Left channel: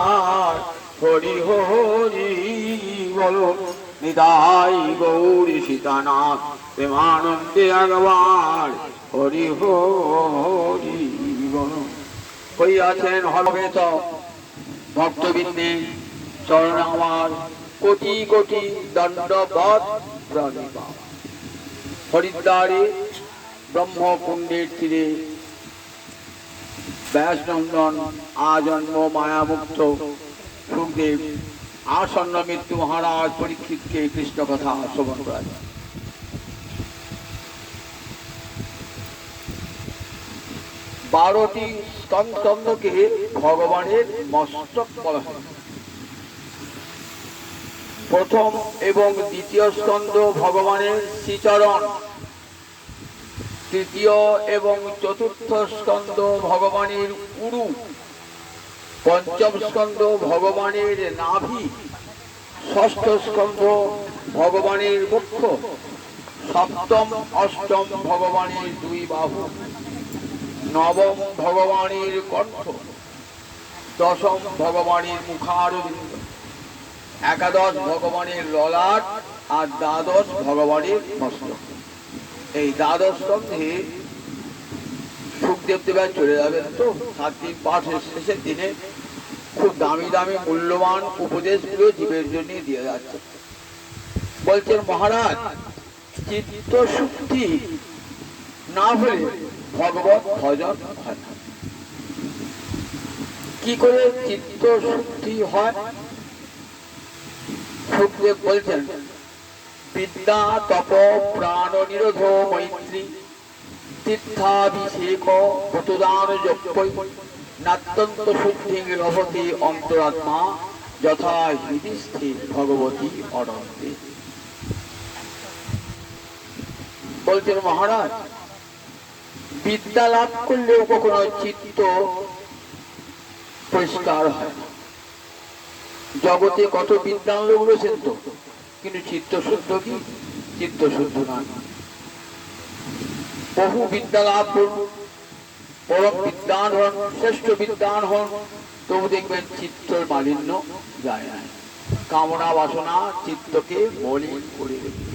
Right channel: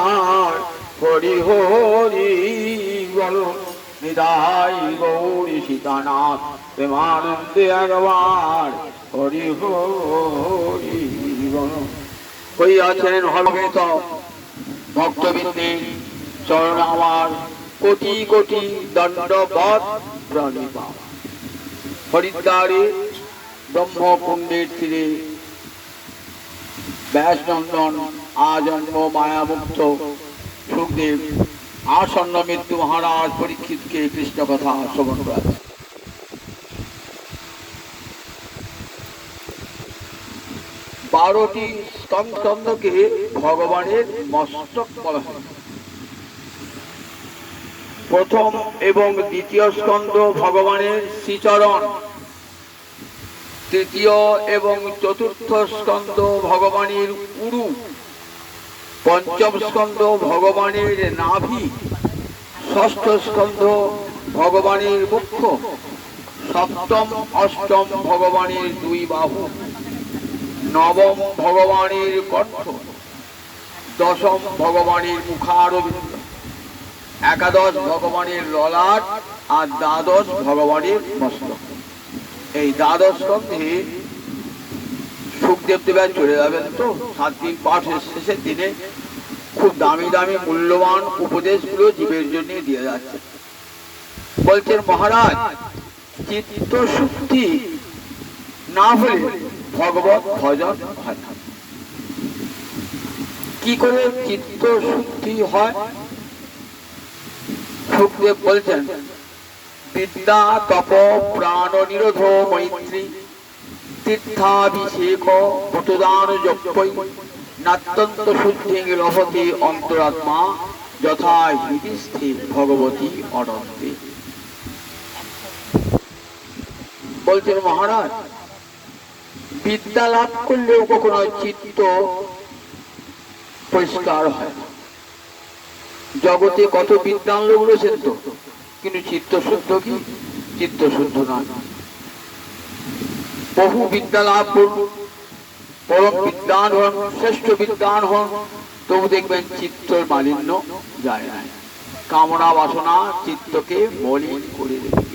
আমার হরি হরি বল নিতাই গৌরী সীতানাথ প্রেমানন্দে একবার হরি হরি বল। হইয়াছেন হবে তো ভক্তবৃন্দে চরণ আমার কোটি কোটি দণ্ডবৎ প্রণিপাত। হরিদ্বারে ব্রহ্মকুণ্ডের তীরে ব্যাসনন্দন আজন্ম মায়ামুক্ত সুখদেব আসন্ন মৃত্যু মহারাজ পরীক্ষিতকে কৃষ্ণ কথা শ্রবণ করেন। 12টি স্কন্ধকে ভগবানের মস্তক বলা হয়। প্রথম এবং দ্বিতীয় স্কন্ধ ভগবানের শ্রীচরণ, তৃতীয় এবং চতুর্থ স্কন্ধ ভগবানের উরু, পঞ্চম স্কন্ধ ভগবানের নাভি, ষষ্ঠ স্কন্ধ ভগবানের মুখ্য, সপ্তম অষ্টম ভগবানের দুই বাহু, নবম ভগবানের কণ্ঠ, দশম ভগবানের মুখারবিন্দ, একাদশ ভগবানের ললাট আর দ্বাদশ ভগবানের মস্তক। এই দ্বাদশ স্কন্ধে সুখদেব দেবের চলে যাবেন তো 7 দিন পাঠের শেষের দিনে খুব দামি দামি মূল্যবান উপদেশগুলো জীবের জন্য দিয়ে যাচ্ছে। বলছেন মহারাজ, চিত্ত শুদ্ধি না হলে ভগবত ভজন হয় না। কি করে চিত্ত শুদ্ধি হয়? সুখদেব বলছেন, বিদ্যা তপ প্রাণ নিরোধ মৈত্রী তীর্থাভিষেক ভূতদান যজ্ঞৈ নাত্যন্ত শুদ্ধি লভতে অন্তরাত্মা যথা হৃদিস্থে ভগবতী অনন্তে। বলছেন মহারাজ, বিদ্যা লাভ করলেও কখনো চিত্ত পরিষ্কার হয় না। জগতে কত বিদ্যান লোক রয়েছেন তো, কিন্তু চিত্ত শুদ্ধ কি? চিত্ত শুদ্ধ না। বহু বিদ্যা লাভ করুন, পরম বিদ্বান হন, শ্রেষ্ঠ বিদ্বান হন, তবু দেখবেন চিত্তর মালিন্য যায় না। কামনা বাসনা চিত্তকে মলিন করে রেখে।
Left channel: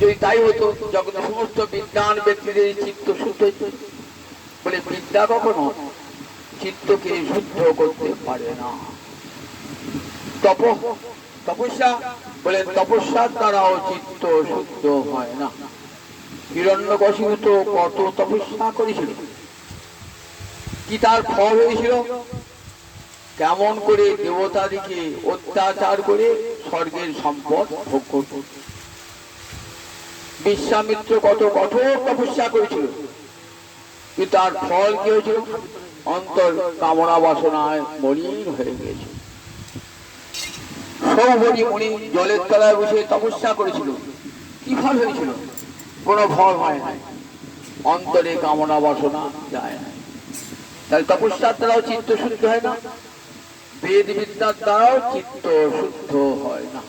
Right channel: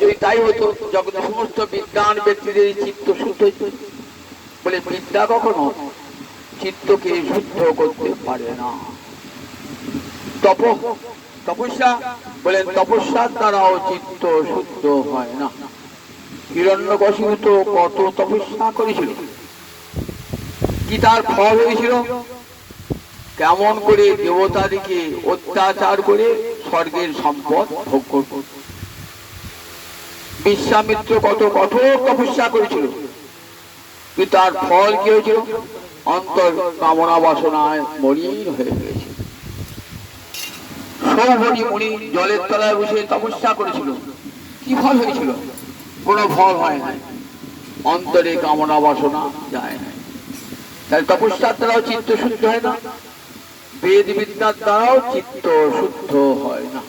যদি তাই হতো, জগতে সমস্ত বিদ্বান ব্যক্তিদের চিত্ত শুদ্ধ হইত। বলে বিদ্যা কখনো চিত্তকে শুদ্ধ করতে পারে না। তপস্যা বলেন, তপস্যার দ্বারাও চিত্ত শুদ্ধ হয় না। হিরণ্যকশিপু তো কত তপস্যা করেছিল, কি তার ফল হয়েছিল? কেমন করে দেবতাদিকে অত্যাচার করে স্বর্গের সম্পদ ভোগ করত। বিশ্বামিত্র কত কঠোর তপস্যা করেছিল, কিন্তু তার ফল কি হয়েছিল? অন্তর কামনা বাসনায় মলিন হয়ে গিয়েছে। সৌভরি মুনি জলের তলায় বসে তপস্যা করেছিল, কি ফল হয়েছিল? কোন ফল হয় না, অন্তরে কামনা বাসনা যায় না। তাহলে তপস্যার দ্বারাও চিত্ত শুদ্ধ হয় না, বেদ বিদ্যার দ্বারাও চিত্ত শুদ্ধ হয় না।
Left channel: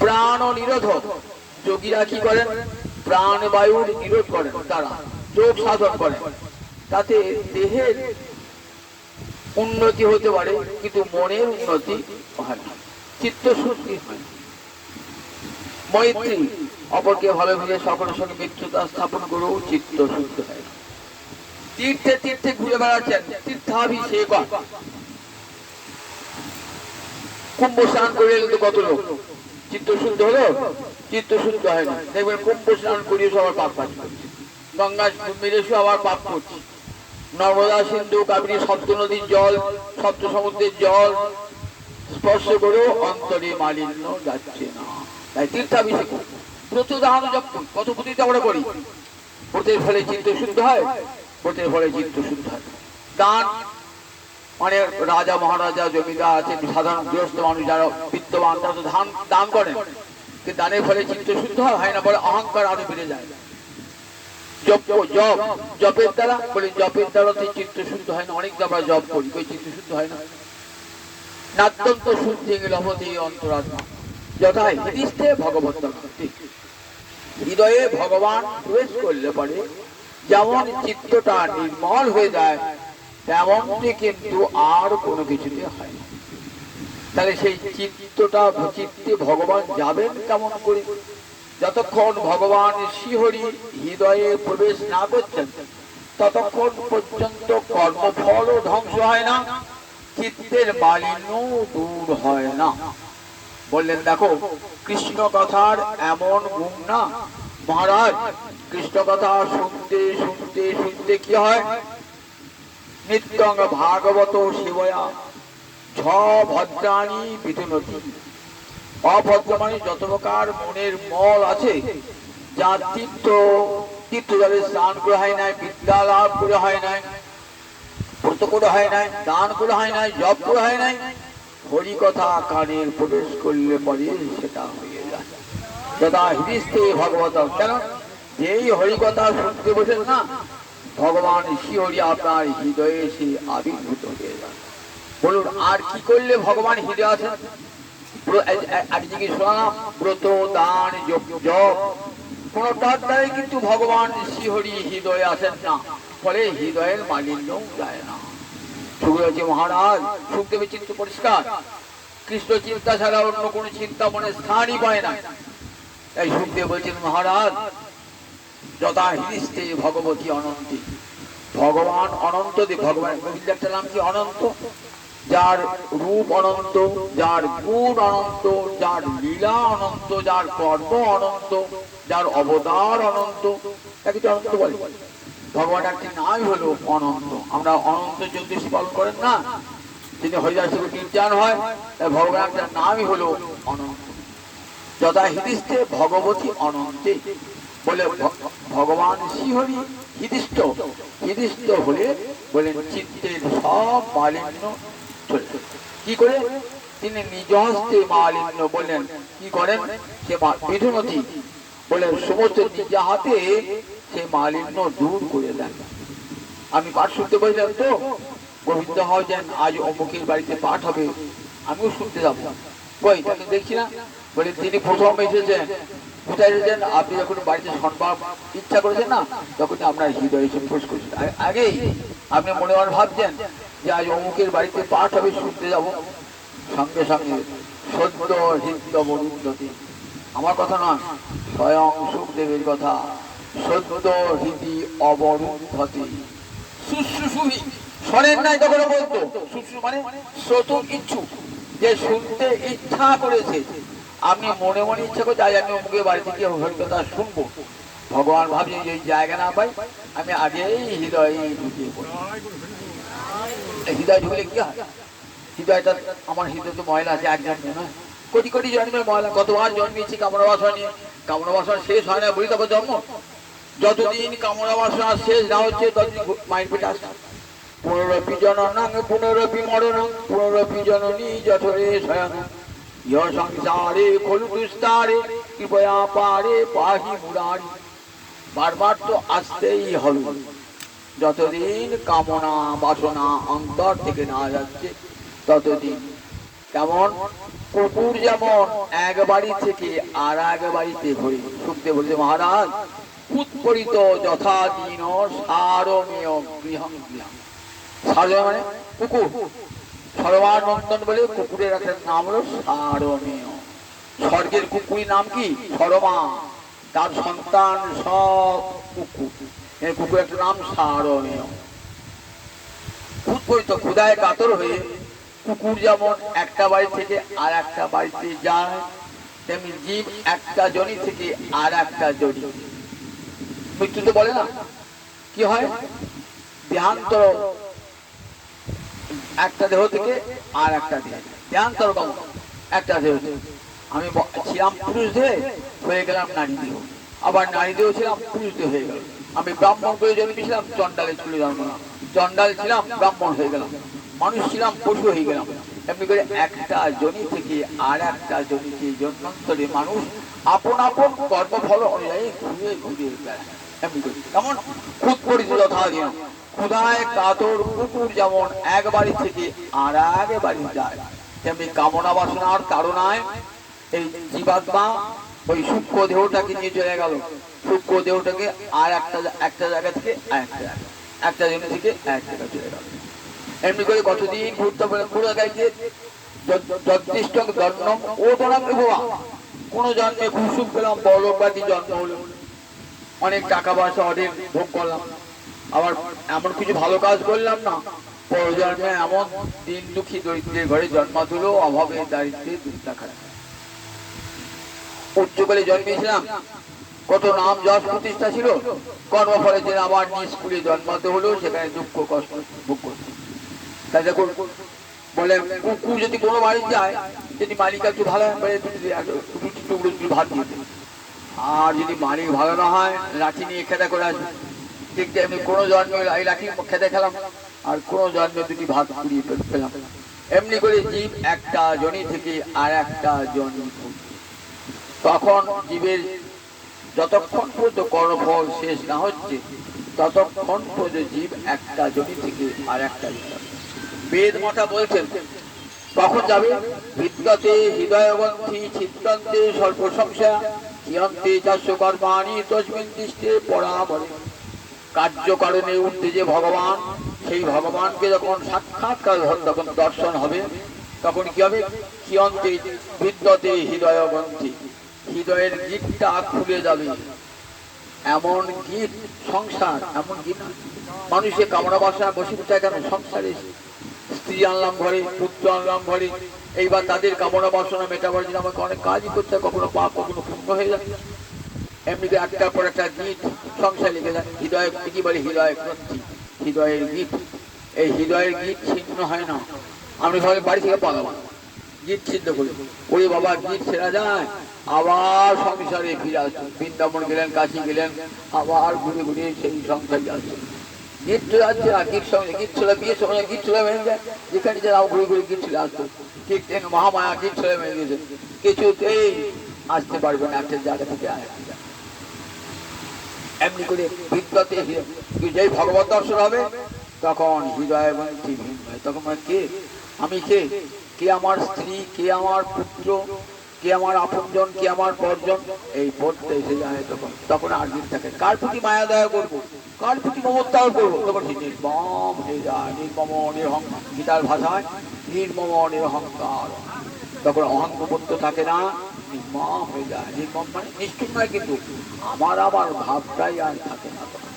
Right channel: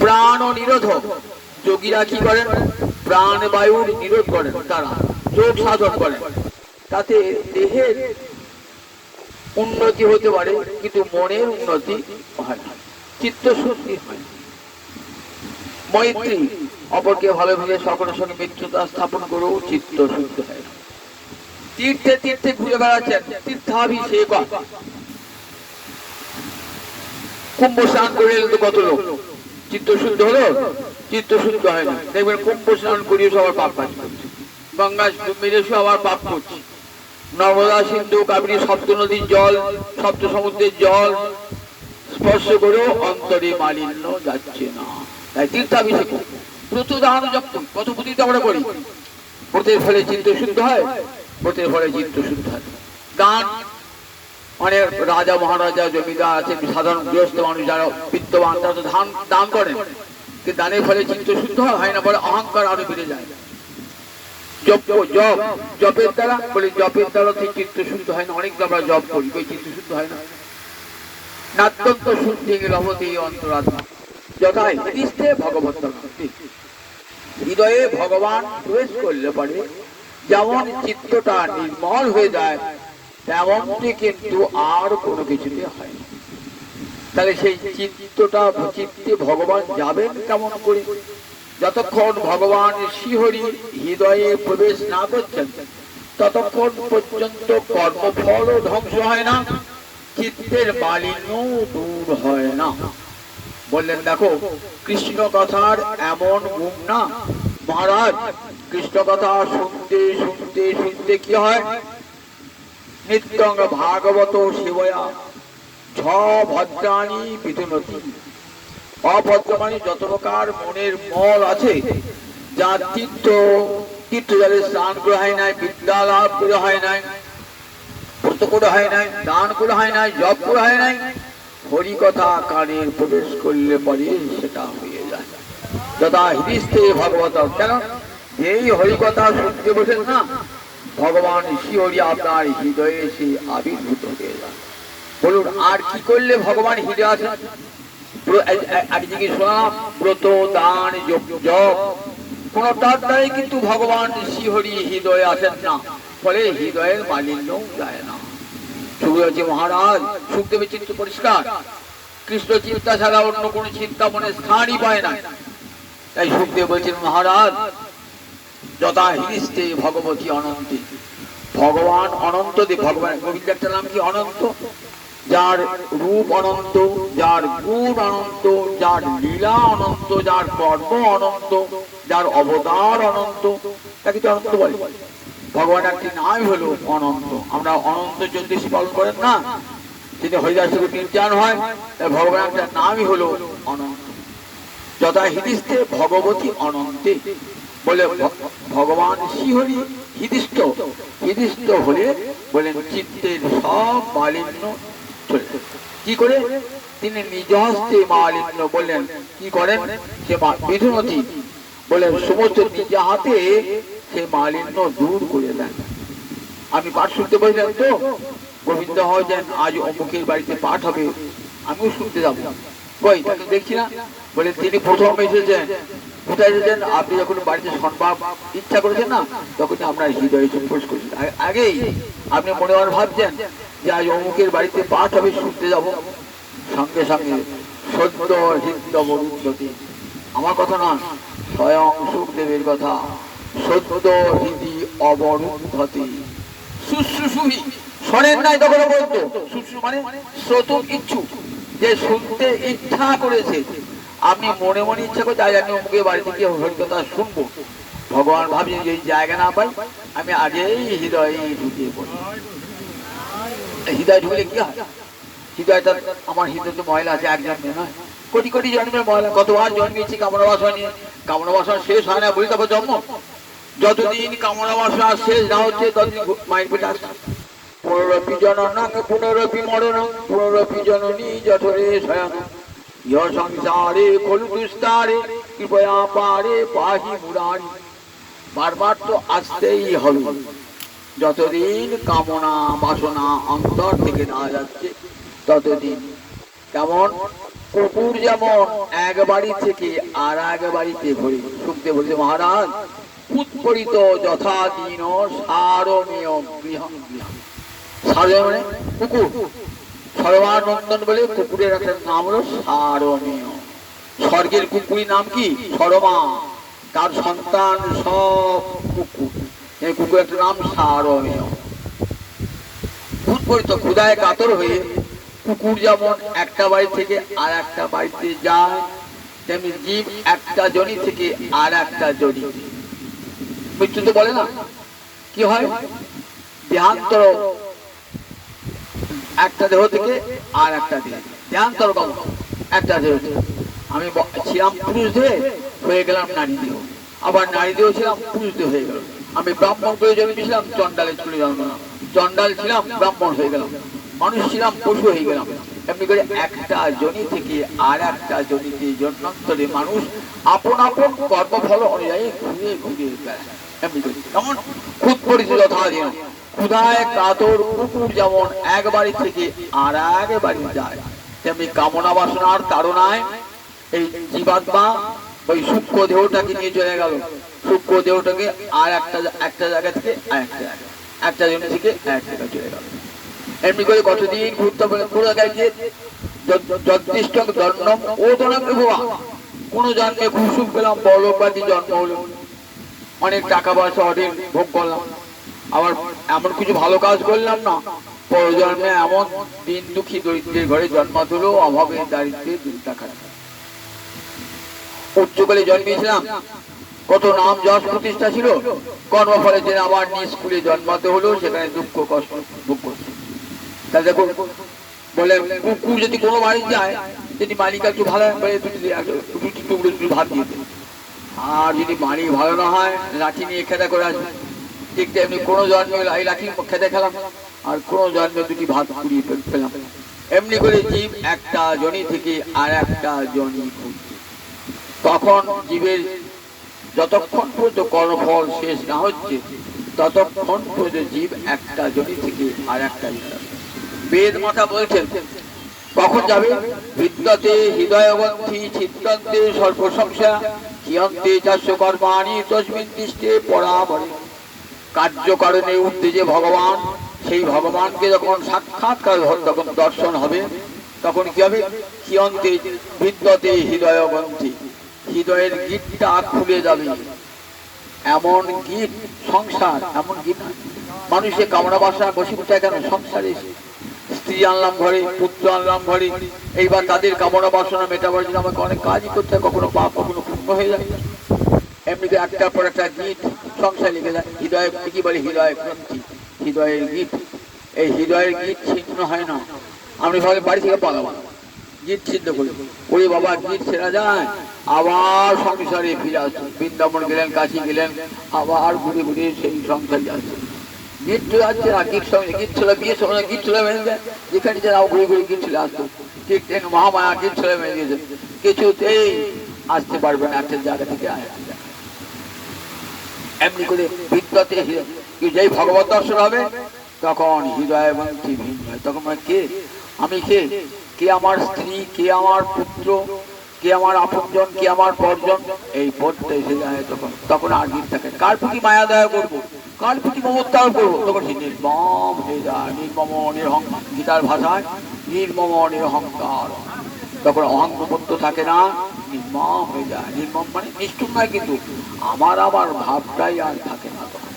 প্রাণ নিরোধ, যোগীরা কি করেন? প্রাণ বায়ুর নিরোধ করেন, তারা যোগ সাধন করেন। তাতে দেহের উন্নতি হতে পারে, কিন্তু মনের উন্নতি হয় না, চিত্ত শুদ্ধি হয় না। মৈত্রী, অপরকে ভালোবেসে সকলের সঙ্গে মিত্রতা স্থাপন করেও চিত্ত শুদ্ধ হয় না। তীর্থে তীর্থে ঘুরে বেড়াচ্ছেন, তীর্থাভিষেক, কুম্ভ স্নান করে এলেন তো কত লোক, চিত্ত শুদ্ধ হলো? চিত্ত শুদ্ধ হয় না। দেখবেন কুম্ভ স্নান করিয়ে সবার পাপ কাজ করছে, গঙ্গা মেরে আবার পাপ করছে, নর্মদা সিন্ধু কাবেরী সপ্ত নদীর জল, সপ্ত সমুদ্রের জল স্পর্শ করেও অন্তরে মালিন্য যাচ্ছে না। তাই তীর্থাভিষেক, ব্রত দান যখন কত প্রতিটা আমরা করি, ব্রতের ফলে চিত্ত শুদ্ধ হয়, ব্রতের ফলে চিত্ত শুদ্ধ হয়। দান অনেক রাজা মহারাজা জমিদার আছেন, সাধারণ গৃহস্থ মানুষ যারা বিত্তবান, তারা তো দান করেন, কিন্তু দানের ফলে চিত্ত শুদ্ধ হয় না, বলে অহংকার আরো বেড়ে যায়। জপের দ্বারা, বলে জপের দ্বারা চিত্ত শুদ্ধ হয় না। অনেক আমরা জপ করি, ওই চিত্ত শুদ্ধ হয় না। নাত্যন্ত শুদ্ধি লভতে অন্তরাত্মা যথা হৃদিস্থে ভগবত। হৃদয়ে ভগবান প্রবেশ করলে পরে যেমন চিত্তটা নির্মল হয়ে যায়, তেমনটি কিন্তু আর কোনো কিছুতে হয় না। তাহলে সেই চিত্তে ভগবান যাবেন কেমন করে? যতক্ষণ ভগবান শ্রীহরি হৃদয়ে প্রবেশ না করছেন ততক্ষণ পর্যন্ত কর্মফলও ধ্বংস হয় না, চিত্তের মালিন্য দূর হয় না। বললেন দেখো, কৃষ্ণ কথার এমন গুণ না মহারাজ। কৃষ্ণ কথা শুনতে শুনতে শুনতে কি হয়? নিত্যং ভাগবত সেবয়া ছ ভদ্রাণী বিধুনতি। অভদ্র মানে যত প্রকার মনের মল আছে, যা তীর্থ জলে স্নান করে হয় নাই, বিদ্যা লাভ করে হয় নাই, ব্রত করে হয় নাই, দান করে হয় নাই, জপ করে হয় নাই, হরি কথা কানের প্রবেশ করলে পরে সেটা হয়ে যায়। যথা হৃদিস্থে ভগবত। কেন? যেই হরি কথা শুনতে বসেন না, ভগবান শ্রীহরি আপনার হৃদয়ে এসে আবির্ভূত হয়ে যান। বলুন আর কি করলে ভগবান হৃদয়ে আছেন? আমি জিজ্ঞেস শোনালাম, ব্রত দান জপ কোনটার দ্বারাই কিন্তু ভগবান শ্রীহরি হৃদয়ে আসেন না, ফলে হৃদয়ের মালিন্য যায় না। সুখদেব মহারাজ, সুখদেবের চিত্ত পরিষ্কার, কৃষ্ণ চিন্তা ছাড়া অন্য কোন চিন্তা মনে স্থানই পায় না। তাই সুখদেব বলছেন মহারাজ, যথা হৃদিস্থে ভগবতী অনন্তে। ভগবান অনন্ত দেব। ভগবান গোবিন্দ একটা নাম কি? অনন্ত। যার রূপ অনন্ত, যার গুণ অনন্ত, যার লীলা অনন্ত, যার কর্ম অনন্ত, যার অবতার অনন্ত, তাকে তো অনন্ত বলে। ভগবান একটি নামই হলো অনন্ত। আমরা অনন্ত চতুর্দশী পালন করেন না, তিনি হরিদাস নির্যান হয়, ভগবান একটা নামই হলো অনন্ত। যথা হৃদিস্থে ভগবতী অনন্তে। বলে ভগবান শ্রীহরি হৃদিস্থ হলে বলেন চিত্তের সব মালিন্য চলে। কি করে? তিনি নিজ হস্তে মালিন্য বললেন কি করেন? সে বিধুনতি বলেন সমস্ত নিজ হাতে সে মালিন্য দূর করে দেন। আমি পাঠ শুনতে পাইলাম তো, গোবিন্দ হয়েছেন আজ অমুকের বাড়িতে পাঠ হবে, আমিও শুনতে যাবো। কই তা তো দেখছি না। বলে তিনি প্রথম এসেছেন। কোথায় এসেছেন? আপনি যখন বাড়িতে শুনবার ইচ্ছা করেছেন না, তখন আপনার হৃদয়ে প্রবেশ করেছেন। আগেই আপনি মনে মনে ভাবছেন যে আজ অমুকের বাড়িতে পাঠ হবে, শুনতে যাব। সঙ্গে সঙ্গে সদ্য হৃদয়বরুদ্ধতি। আমার কথা না, স্বয়ং সুখদেবের কথা। সদ্য হৃদি অবরুদ্ধতি। শুশ্রূষুহি শোনেন নাই তখন বলতো। শুশ্রূ মানে শ্রোত ইচ্ছুক, যে শুনতে ইচ্ছা করেছে। আপনি মনে মনে ইচ্ছা করছে আজ আমি অমুকের বাড়িতে গিয়ে হরিকথা শুনবো। ভগবান ভাবছেন যে জায়গা না পাই, আমি আগেই হৃদয়ে ঢুকিয়ে পড়ি। হৃদয় ঢুকলে কি হয়? হৃদয়টা, আমার হৃদয় তো ময়লা আছে, এক জন্মে নয়, কোটি কোটি জন্মের ময়লা। কতবার জন্মেছি কামনা বাসনা নিয়ে, কামনা বাসনা শেষ হয় না বলি তারপর জন্ম। যতদিন কামনা বাসনা শেষ না হচ্ছে ততদিন মায়ের পেটে আসছে। পুনরপি জননাং পুনরপি মরণং পুনরপি জননী জঠরে শয়ন ইহ সংসারে খলু দুস্তারে কৃপয়া পারে পাহি মুরারি। বারবার তো আসতেই হবে। যতদিন কামনা বাসনা অন্তর থেকে না যাচ্ছে ততদিন। কেমন? কুকুর যেমন এক বাড়ি থেকে আর এক বাড়িতে ঘুরে। শুনতে বলছে মহারাজ, উৎপরিত যথা দিন সারমীয় গৃহং গৃহং। সারমীয় মানে কুকুর। সরমানন্দন বলে কুকুরের একটা নাম হলো সারমীয়। স্বর্গের কুকুরের নাম কি? সরমা। তার সন্তান সব কুকুর। এই কুকুর একটা নাম সারমীয়। উৎপরিত ক্ষুধায় কাতর হয়ে কুকুর যেমন একটা বাড়ি থেকে আর একটা বাড়িতে যায়, তেমনি জীব একটা জনি থেকে আর একটা জনি। মৃত্যু তো বলে না, কি হয়? দেহান্তর, একটা দেহ থেকে আর একটা দেহ। দেহান্তর কম, একটা দেহ থেকে। আমি ছিলাম পুরুষ দেহে, হয়ে গেলাম নারী দেহ। আবার নারী দেহ ছিলাম, পুরুষ দেহ হয়ে গেল। আমি ব্রাহ্মণ করে জন্মেছিলাম, চন্ডালের চুলে জন্মালাম। চন্ডাল ছিলাম, ব্রাহ্মণ হয়ে গেলাম। মানুষ ছিলাম, পশু হয়ে গেলাম। এমনি করে একটা জনি থেকে আর একটা জনিতে জন্মান্তরে মানুষ আপন আপন কর্মফল অনুযায়ী ঘুরে ঘুরে বেড়ায়। এমনি করে কেমন? খুদ পরিচিত যথা দিন। ক্ষুধায় কাতর কুকুর যেমন এক বাড়ি থেকে আর এক বাড়ি যায়, তেমনি কামনা বাসনার তাড়নায় এই জীবাত্মা ওই সূক্ষ্ম দেহটাকে নিয়ে চলে গেল। সূক্ষ্ম দেহটাকে আর একটা জায়গা থেকে আর একটা জায়গা, একটা জমি থেকে আর এক জায়গায় চলে গেল। এমনি করে কতদিন ঘুরতে পারে পুরো গেছে যথেষ্ট জন্ম ও জন্ম ভুয়া কোন জন্মে খুব সুখ পেলাম, বড়বাদী জন্ম হলো, অনেক টাকা পয়সা অনেক ভোগ করলাম, আবার এমন কিছু ভালো কাজ করলাম না, পর জন্মে এমন দিন দুঃখী দরিদ্রের ঘরে জন্মাতে হলো, অভাবে দারিদ্রে দিনটা খারাপ। উচ্চকালে জন্মেছিলাম, কত নাম যশ প্রতিষ্ঠা ছিল, কর্মফলে যে আবার নিজ স্কুলে জন্মাতে হলো, সেখানে দুঃখ কষ্ট ভোগ করছে। তা দেখো বলে কুকুর যদি কোনো বাড়ি যায়, যদি মালিক একটু ভালো দুটি টুকরো একটু ভাত দিয়ে দেয়, আর যদি মালিক ভালো না হয় লাঠি নিয়ে খেতে করে আসবে। ঠিক তেমনি কোনো জন্মে লাঠি খেতে খেলাম, আর কোনো জন্মে দুটি ভাত পুড়িয়ে পেলাম। এমনি করে জীব একটা জনি থেকে আর একটা জনি, তখন জীবের যতক্ষণ পর্যন্ত কর্মফল শেষ না হচ্ছে ততক্ষণ পর্যন্ত জীব একটা জনি থেকে আর একটা। বেদ মাতা বলছেন কখন যাবে, বিদ্যতে হৃদয়গ্রন্থি ছিদ্যন্তে সর্বসংশয়া কিয়ন্তে চাস্য কর্মাণি তস্মিন তিষ্ঠে পরাবরে। কার্যকারণে উঠতে যে ভগবান, সেই ভগবানকে যখন সাক্ষাৎকার যখন দর্শন হবে, তখন কি হবে, কিয়ন্তে বিদ্যতে হৃদয়গ্রন্থি, হৃদয়ের গিটটা খুলে যাবে। এমন গিট সংসার, এমন গিট মানুষের কামনা বাসনা বসে কেন সংসারে, স্ত্রী আনলাম ঘরে, পুত্র আনলাম ঘরে, এইবার তাদের কামনা বাসনা মেটাবার জন্য আমাকে অনেক কাজই করতে হয়, কখনো পাপ কখনো পুণ্য হয়ে যায়। এমনিতে একটার পর একটা গীত সংসার লিখে যায়। হৃদয় কি বলে, হৃদয় গ্রন্থি, হৃদয়ের গীত। এই হৃদয়ের গীত ছিন্ন হয় না। আমি সবাই বাড়ি থেকে পালাম, গীত ছিন্ন করি, ওই বাবা গীত ছেড়া যায়, আবার সংসারে ফিরে আসছে। বৃন্দাবন গেলেন, কাশি গেলেন, আবার ঘুরে ঘুরে সেই সংসারে আসছে। গীত চলে আসছে না, গীত সঙ্গে গীত ছেলে বিয়ের সময় গীত ছেলে মেনে যায়, যেখানে যে ঘুরে ঘুরে গীত ছেলে আসতো। ঠিক ঠিক মহামায়া গীত ছেলে মেনে গেছে, কিছুতেই আসতে পারবে না একটা জায়গা থেকে আসতে। এমনি করে বিদ্যতে যেই ভগবত দর্শন হবে, তখন হৃদয় মন্ত্রী ভিন্ন হয়। তখন কে আমি, কে কে আমার স্ত্রী, কে আমার পুত্র, কে আমার আপনজন, কে আমার পরজন, এই পদটা এসে যায়। তখন তখন আর গীত থাকে, কার প্রতি মায়া দয়া করবো, কার প্রতি মমত্তার করবো, তখন সে নির্মম হয়ে যায়। নির্মম নিরহং, গীতার ভাষায় নির্মম নিরহংকার। তখন অহংকপত্য থাকে না, নির্মম হয়ে যায়। নির্মম মানে নিষ্ঠুর নয়, কিন্তু আমার ভাবটাই আর থাকে না তখন।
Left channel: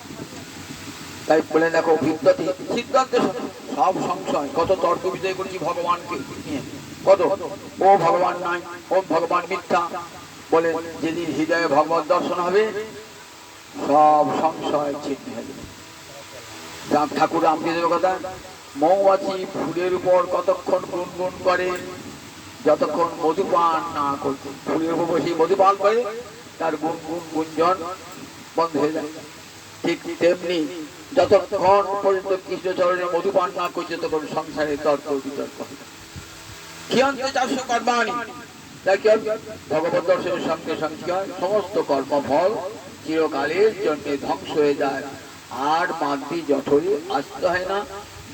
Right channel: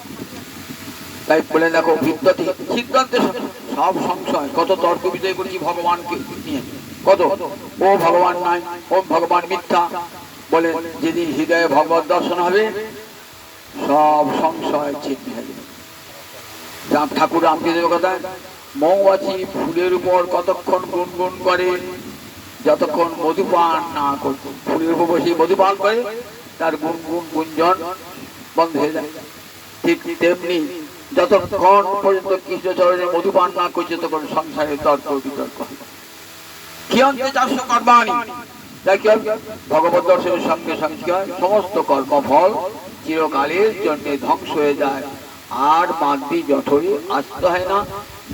তাই বলে দেখো, বিদ্যতে সিদ্ধান্তে সব সংশয়, কত তর্ক বিজয় করেছি ভগবানকে নিয়ে, কত ও ভগবান নাই, ও ভগবান মিথ্যা বলে। যেদিন হৃদয়ে ভগবত দর্শন হবে, সব সংশয় ছিন্ন হয়ে যাবে। ঠাকুর রামকৃষ্ণের কথা, মৌমাছি ফুলের উপর কতক্ষণ গুনগুন করে, যতক্ষণ মধুপান না করছে। ফুলের উপর বসে মধুপান করে, তার গুনগুন গুঞ্জন বন্ধ হয়ে যায়। ঠিক তেমনি যতক্ষণ পর্যন্ত কৃষ্ণচরণে মধুপান না করছে, তখন সংসারে তর্ক বিতর্ক ভগবত দর্শনের সঙ্গে সঙ্গে সমস্ত কর্মফল চিরকালের জন্য ধ্বংস হয়ে যায়, আর মাগবি জঠরে আসতে হয় না,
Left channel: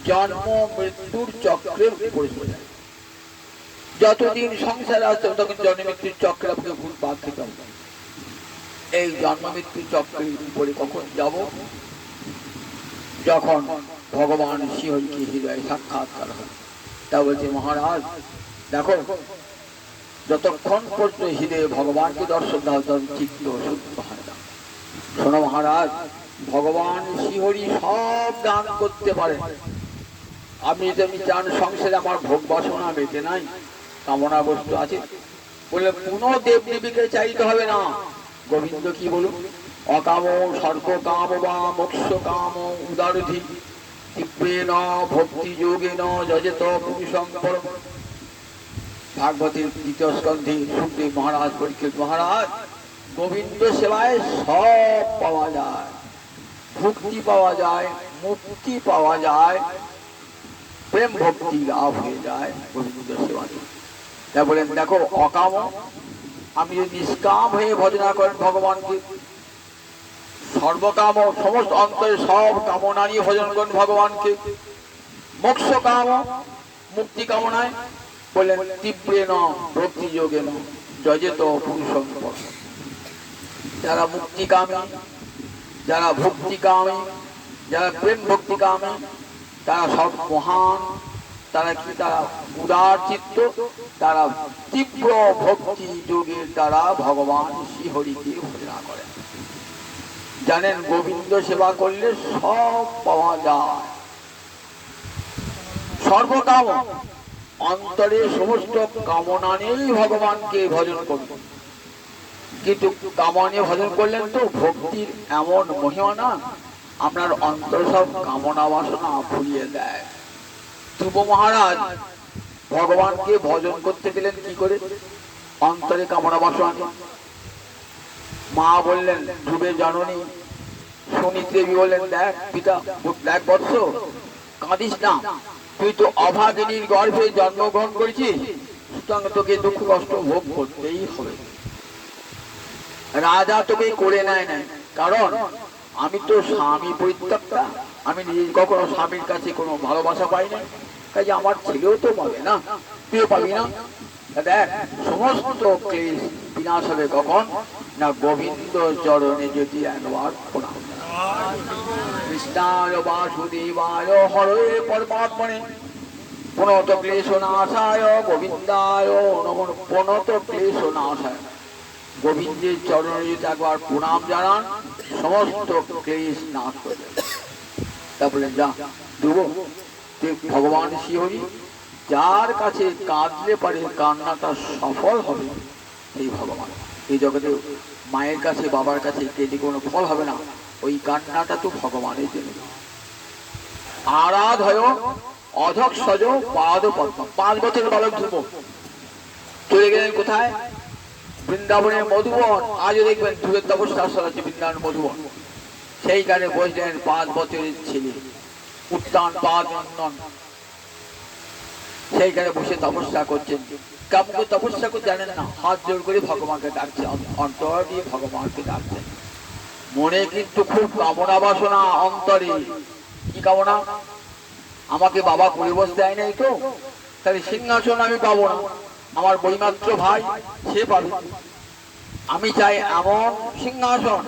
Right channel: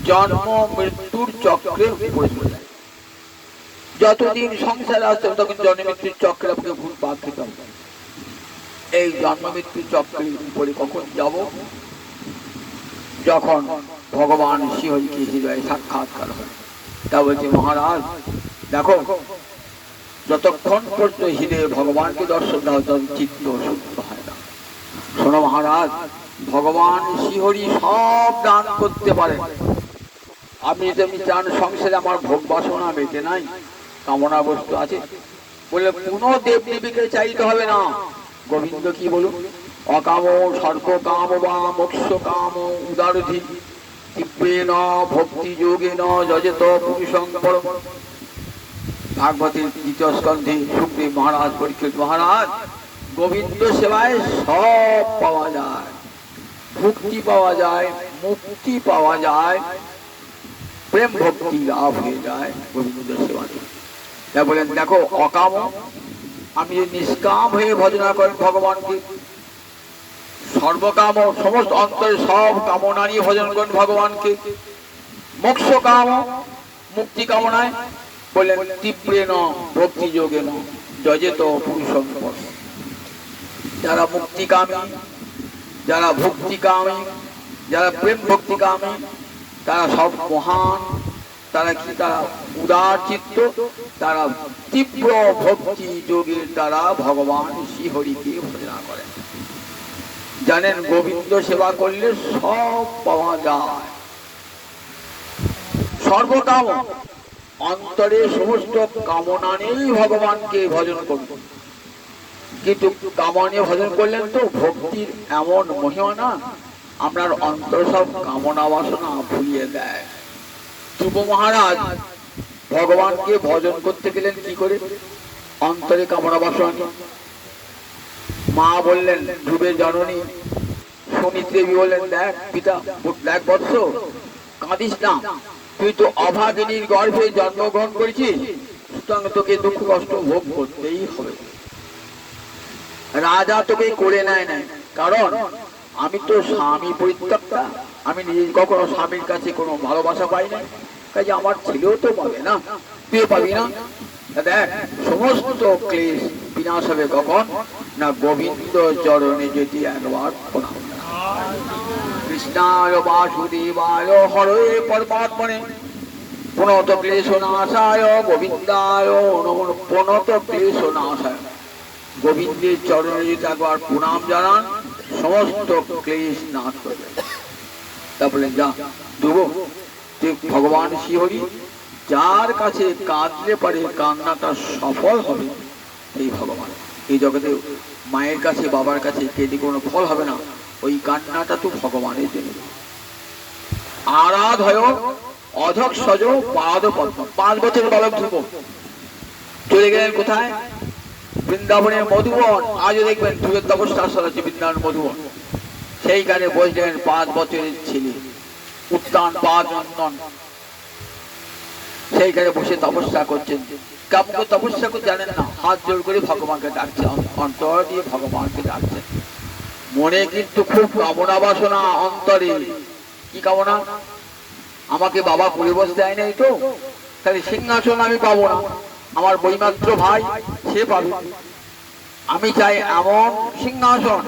জন্ম মৃত্যুর চক্রের উপরে চলে যায়। যতদিন সংসারে আসতে তখন জন্ম মৃত্যুর চক্রে আপনাকে ভুল পাক খেতে হবে। এই জন্ম মৃত্যুর চক্রের উপরে কখন যাব, যখন ভগবান শ্রীহরিকে হৃদয়ে সাক্ষাৎকার হয়। তা বলছে মহারাজ দেখো, যতক্ষণ পর্যন্ত হৃদয়ে ভগবানকে দর্শন দেওয়া, তখন চিত্ত শুদ্ধ হয় না। শোনো মহারাজ, ভগবান শ্রীহরি সব দান করতে পারেন। আপনি যদি চান সংসারে আমার ভোগ বাসনা বেঁচে নাই, কামনা বস্তু আছে বলে কোনো দেব দেবীকে চাইতে হবে না। গোবিন্দ কি বলুন, অকাম সর্ব কাম বা মোক্ষ কাম উদারধি দিব্যেন ভক্তি যোগেন যজেত পুরুষং পরম। ভাগবতের দ্বিতীয় স্কন্ধে সুখদেব মহারাজ পরীক্ষিত মহারাজ, গোবিন্দ সেবায় সব পাওয়া যায়, ভক্তি পাওয়া যায়, মুক্তি পাওয়া যায়, প্রেম ভক্তি লাভ হয়ে যায় গোবিন্দ সেবা। তা বলেন দেখো, অকাম, আমি যদি নিষ্কাম হয়ে ভজনা করেন ভগবানকে, সর্বকাম সমস্ত অন্তরে সব কামনা নিয়ে ভজন করেন ভগবানকে, মোক্ষ কাম মুক্তি কামনায় বললেন তীব্রেন ভক্তি যোগেন যজেত পুরুষং পরম। যারা মুক্তিকামী, যারা ভক্তিকামী, যারা প্রেম ভক্তিকামী, তারা সব মহান, তারা কি, তারা উদার চিত্ত, তারা তীব্র ভক্তি যোগের দ্বারা ভগবান শ্রীহরিকে ভজনা করেন। জানেন গোবিন্দ সেবা করলে সব পাওয়া যায়। সর্বকাম, অন্তরে সমস্ত কামনা নিয়েই ভগবানকে ভজন করুন। কিন্তু কামনা নিয়ে ভজন করলেন তো ভক্তির এমন মহিমা না, আপনার অন্তর সব কামনা বাসনা ভুলিয়ে দেয়। ধ্রুব মহারাজ ভগবানকে ভজন করতে গেলেন কি করে? অন্তরে কামনা বাসনা নিয়ে। মা বললেন, ধ্রুবের জননী সুমিত্রেবী বললেন, দেখ পিতা, দেখ বৎস, কাঁদিস না, তুই তো অভাগিনীর গর্ভে জন্মগ্রহণ করেছিস, সুতরাং তোকে দুঃখ কষ্ট ভোগ করতেই হবে। রাজা তোকে করে নেয় নাই, কারণ আমি তো স্বামী পরিত্যক্তা, আমি নিজে কখনো স্বামীর কাছে কোনো ভালোবাসা পাই না, কাজে আমার ছেলেও তো পাবে না, তুই পাবি না। দেখ, সমস্ত ক্লেশ বিনাশ হবে কখন না, গোবিন্দ চরণে যদি একবার প্রণাম। কৃষ্ণায় বাসুদেবায় হরে পরমাত্মনে প্রণত ক্লেশ নাশায় গোবিন্দায় নমো প্রণত ক্লেশ নাশায়। গোবিন্দের চরণে যদি একবার প্রণাম জানান, সমস্ত ক্লেশ নাশ হয়ে যাবে। তা বলেন, যা দেব, তুই ভগবান শ্রীহরি যার কাছে কাঁদলে পারে কান্নাটা সফল হবে, এই ভগবান। এই জগতে মায়ের কাছে বাবার কাছে কেঁদে কোনো ফল হবে না, ওই কান্নাটা তো ভগবানের জন্য। আরাধয় অধক্ষজ পাদ পদ্ম। 5 বছরের বালক ধ্রুব চলে গেলেন কোথায়? বৃন্দাবনের মধুবন। আজও দেখবেন ধ্রুবের তপস্যাস্থল আছে বৃন্দাবন মধুবন। সেইখানে বসলেন 5 বছরের ছেলে উত্তান পাদ নন্দন, সেইখানে বসে তপস্যা করছেন। কেমন করে তপস্যা করতে জানেন না, হাত জোর করে ভগবানকে ডাকছে, অন্তর দিয়ে ভগবানকে ডাকছেন। মনে কিন্তু খুব কামনা বাসনা অন্তরে। কি কামনা? আমাকে বাবা পরিবেশ দেয় নাই তো, তাহলে সিংহাসন আমি পাবো না, আমার বৈমাত্র ভাই সে পাবে। আমি চাই এমন সিংহাসন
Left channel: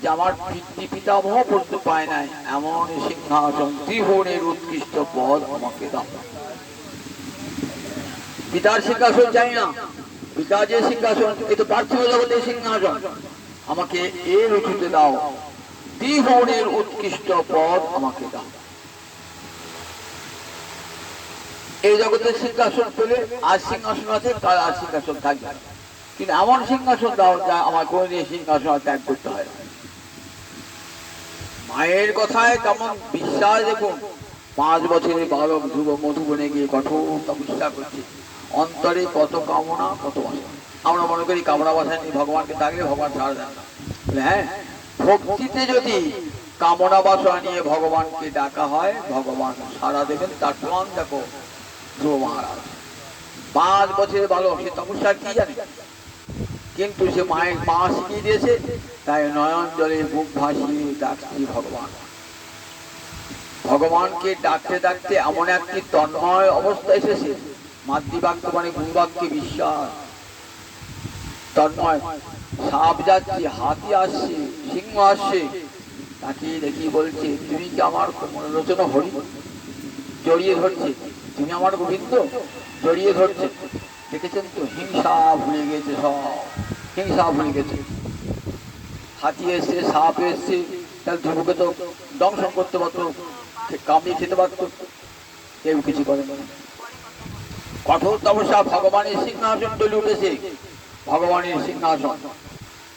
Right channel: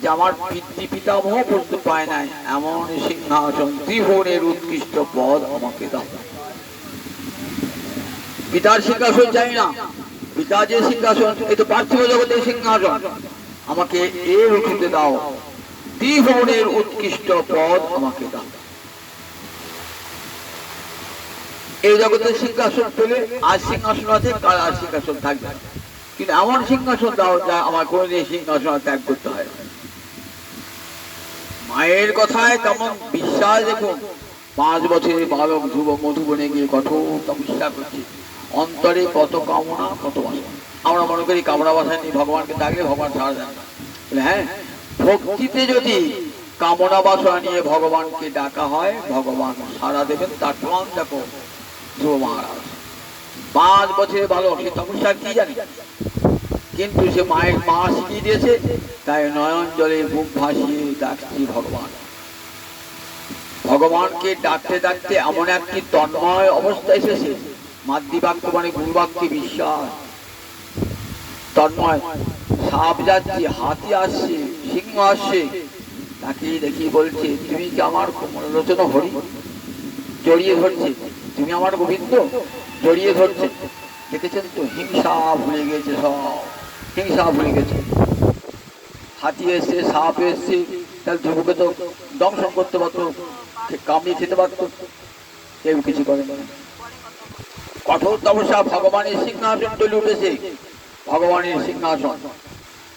যে আমার পিতৃ পিতামহ পর্যন্ত পায় নাই, এমন সিংহাসন, ত্রিভুবনের উৎকৃষ্ট পদ আমাকে দাও। পিতার সিংহাসন চাই না, পিতা যে সিংহাসন, এই তো পার্থিব জগতের সিংহাসন, আমাকে এর উঠিতে দাও, ত্রিভুবনের উৎকৃষ্ট পদ আমাকে দাও। এই জগতের সিংহাসন পেলে আজ সিংহাসন আছে, কাল আর সিংহাসন থাকবে, কিন্তু এমন সিংহাসন দাও যা আমার কোনদিন সিংহাসন ত্যাগ করতে হয় না। মায়ের কথায় কেমন বিশ্বাস দেখুন। 5 বছরের বালক ধ্রুব মধুবনে গিয়ে কঠোর তপস্যা করছে, অন্তরে কত কামনা কত বাসনা। আমরা মনে করি কামনা বাসনা নিয়ে ভগবানকে ডাকলে ভগবান ছাড়া যায় না। হ্যাঁ, ভক্তিতে যদি কামনা বাসনা নিয়ে ভগবানকে ডাকা হয়, ভগবান সাড়া দেবেন। তার প্রমাণ দেখো ধ্রুব মহারাজ। 5 বছরের বালক, সে তপস্যা কি জানে, কিন্তু সে মায়ের মা শিখিয়ে দিয়েছে, তাই নয়ন জলে বুক ভাসিয়ে ডাকছি ভগবান। ভগবানকে ডাকতে ডাকতে এমন একটি তন্ময় অবস্থা এসেছে, মাতৃবাক্য মানে গুরুবাক্যে বিশ্বাস, তন্ময়। সাপ যাচ্ছে, হাতি আসছে, সিংহ আসছে, তাকে দেখি বলছে, তুমি কি আমার মনোরচনা হরি? জড়িয়ে ধরছে, তুমি আমার গোবিন্দ, জড়িয়ে ধরছে। দেখেছেন তো, হিংসা ভুলে গেছে, সব হিংসা ভুলে গেছে। হাতি এসছে, সাপ এসছে, তাহলে ধ্রুবকে তো দংশন করতে পারতো, কামিয়ে খেতে পারতো, কেউ কিছু করে না। কঠোর তপস্যা, ভগবানের সিংহাসন চলে উঠেছে। ভগবানের সিংহাসন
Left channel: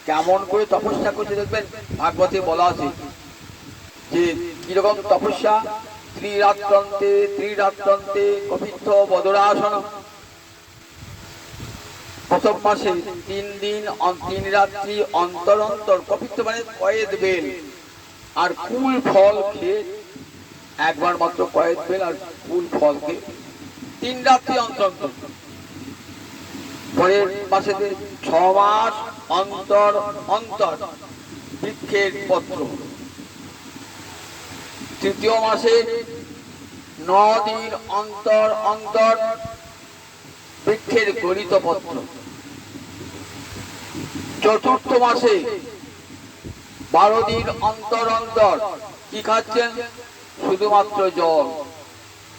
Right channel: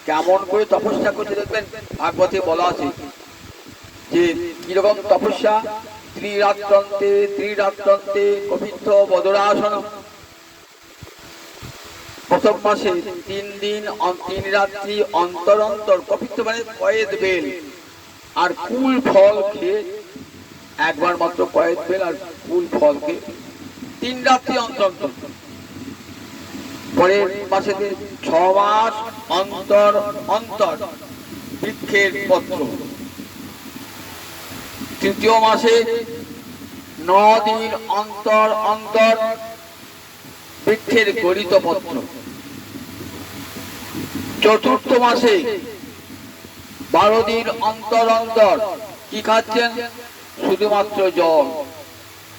কেমন করে তপস্যা করতে দেখবেন, ভাগবতে বলা আছে যে কিরকম তপস্যা। ত্রিরাত্রন্তে ত্রিরাত্রন্তে কপিত্থ বদরাসন। প্রথম মাসে 3 দিন 3 রাত্রি অন্তর অন্তর, কপিত্থ মানে কয়েদ বেল আর কুল ফল খেয়ে, একবার মাত্র কয়েদ বেল আর কুল ফল খেয়ে 3 রাত্রি অন্তর অন্তর। পরের মাসে 6 মাস অন্তর অন্তর বৃক্ষের পত্র। তৃতীয় মাসে 9 দিন অন্তর অন্তর বৃক্ষের গলিত পত্র। চতুর্থ মাসে 12 দিন অন্তর অন্তর কি খাচ্ছেন? শুধুমাত্র জল।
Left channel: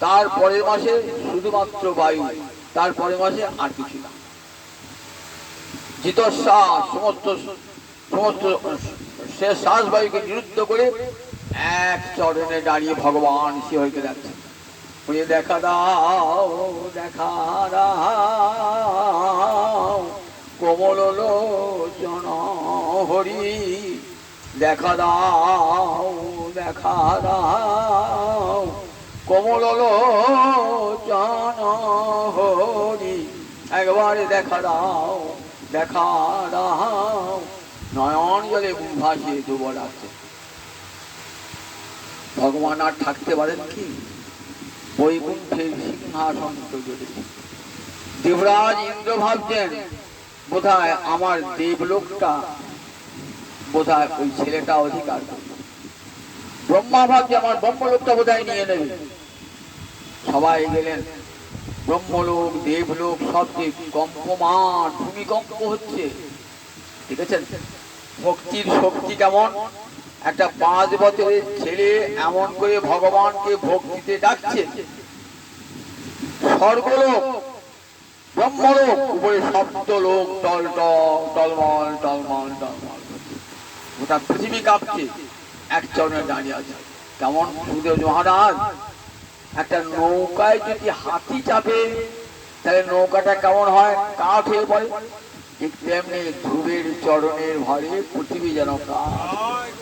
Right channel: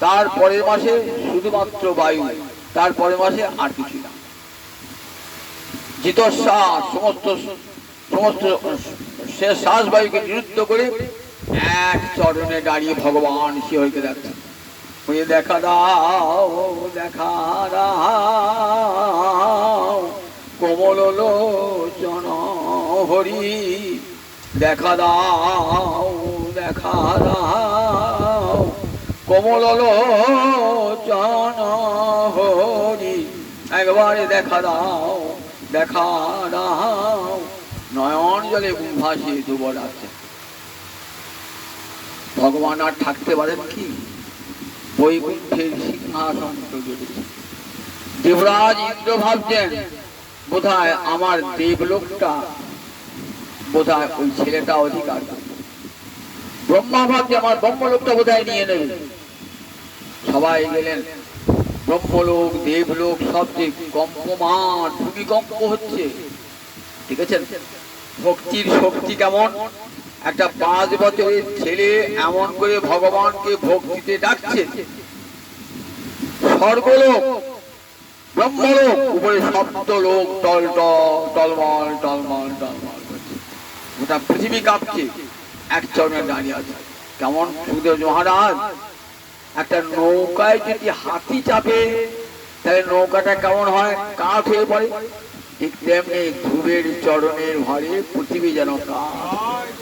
তার পরের মাসে শুধুমাত্র বায়ু, তার পরের মাসে আর কিছু না। জিতশ্বাস সমস্ত সমস্ত সে শ্বাস বায়ুকে নিরুদ্ধ করে এক চরণে দাঁড়িয়ে ভগবান শিহরিকে ডাকছে, দেখা দাও দেখা দাও কোমল লোচন হরি, দেখা দাও দেখা দাও কোমল লোচন হরি, একবারে দেখা দাও দেখা দাও। নয়ন জলে ভাসিয়ে ধ্রুব ডাকছে। ভগবান আর থাকতে পারেন কি? বৈকুণ্ঠের সিংহাসন জড়িয়েছে। দেবরাজ ইন্দ্র ভাবছেন বোধহয় আমার দেবলোকটা বোধহয় ওই ছেলেটা অধিকার করবে। ব্রহ্মা ভাবছে আমার ব্রহ্মলোকটা বোধহয় নিয়ে নেবে। সবাই গেলেন। ব্রহ্মলোক দেবলোক সবচেয়ে কম্পমান, ভূমিকম্প হচ্ছে। ঠিক আছে, ভক্তির শক্তি কেমন! একটা 5 বছরের ছেলে এমন করে ভগবানকে ভক্তিতে ডাকছে। স্বর্গলোক ব্রহ্মলোক উপরে শব্দ লোক টল টলমল টলমল টলমল করছে। গোটা পৃথিবী কাঁপছে। এক চরণে দাঁড়িয়ে আছে। কেমন সুদেব মহারাজ, একটা নৌকায় যদি হাতি চাপে তাহলে নৌকাটা কেমন হয়? কাঠ হয়ে পড়ে। ঠিক তেমনি ধ্রুবের চরণের ভারে পৃথিবী যেন কাঠ।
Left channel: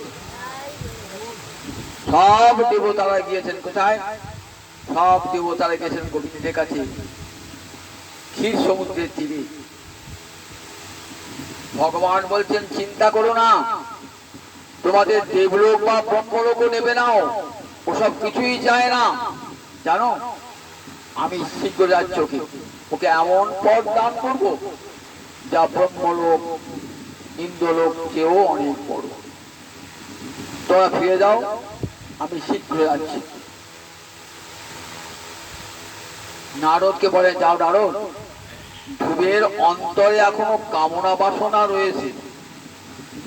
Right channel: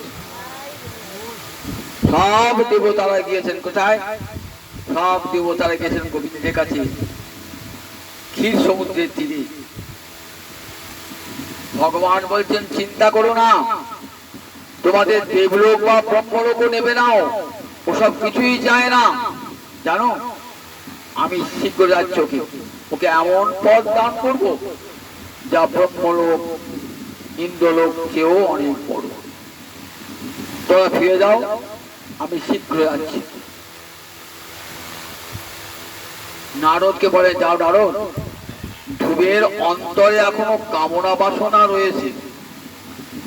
সব দেবতারা গিয়েছেন কোথায়? সব দেবতারা গিয়েছেন গোবিন্দের কাছে, ক্ষীর সমুদ্রের তীরে। ভগবান বলছেন চিন্তা করো না, তোমাদের দেবলোক বা ব্রহ্মলোকও নেবে নাও, ওসব কিছুই যায় না। জানো আমি শীঘ্র যাচ্ছি, ওকে এমন পদ দান করবো যা ব্রহ্মলোক ইন্দ্রলোক চেয়েও অনেক বড়। তোমরা ফিরে যাও, আমি শীঘ্র যাচ্ছি। নারদকে বলে যাও নারদ, ধ্রুবের অন্তরে এখনো কামনা বাসনা রয়েছে।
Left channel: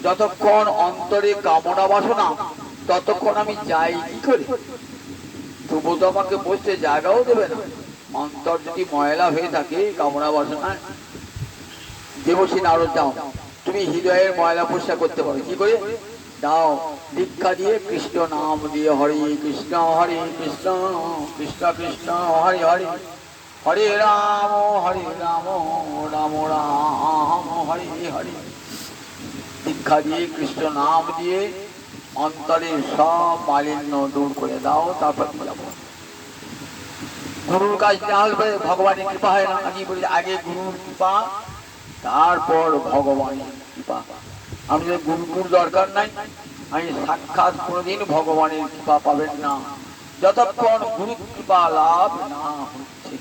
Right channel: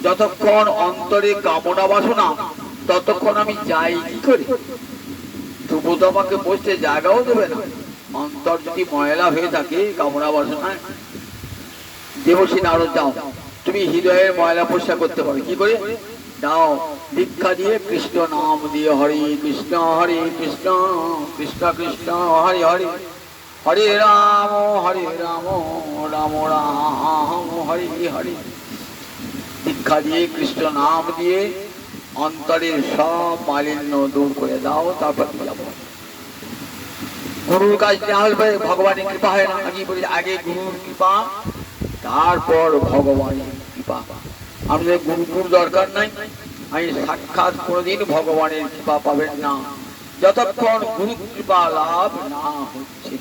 যতক্ষণ অন্তরে কামনা বাসনা ততক্ষণ আমি যাই কি করে? ধ্রুব তো আমাকে বসতে জায়গাও দেবে না। অন্তর যদি ময়লা হয়ে থাকে কামনা বাসনায়। দেবশ্রী নারদ যাও, তুমি হৃদয়ের ময়লা পরিষ্কার করতে পারো। কি করে? দাও দীক্ষা দিয়ে কৃষ্ণ নাম দিয়ে হরে কৃষ্ণ কৃষ্ণ কৃষ্ণ হরে হরে, হরে রাম রাম রাম হরে হরে। দীক্ষা দিয়ে কৃষ্ণ নাম দিয়ে অন্তরের সব মালিন্য দূর করে দাও, তারপর গুরুর কাজ না হলে ভগবানের কৃপা হয় না। আমি বলি আগে গুরুর কৃপা, তারপর ভগবানের কৃপা। আমাদের গুরুর দরকার নাই। আমি সাক্ষাৎ কোনোদিন ভগবানের কৃপা পাবেন না যতক্ষণ গুরু কৃপা লাভ না হচ্ছে।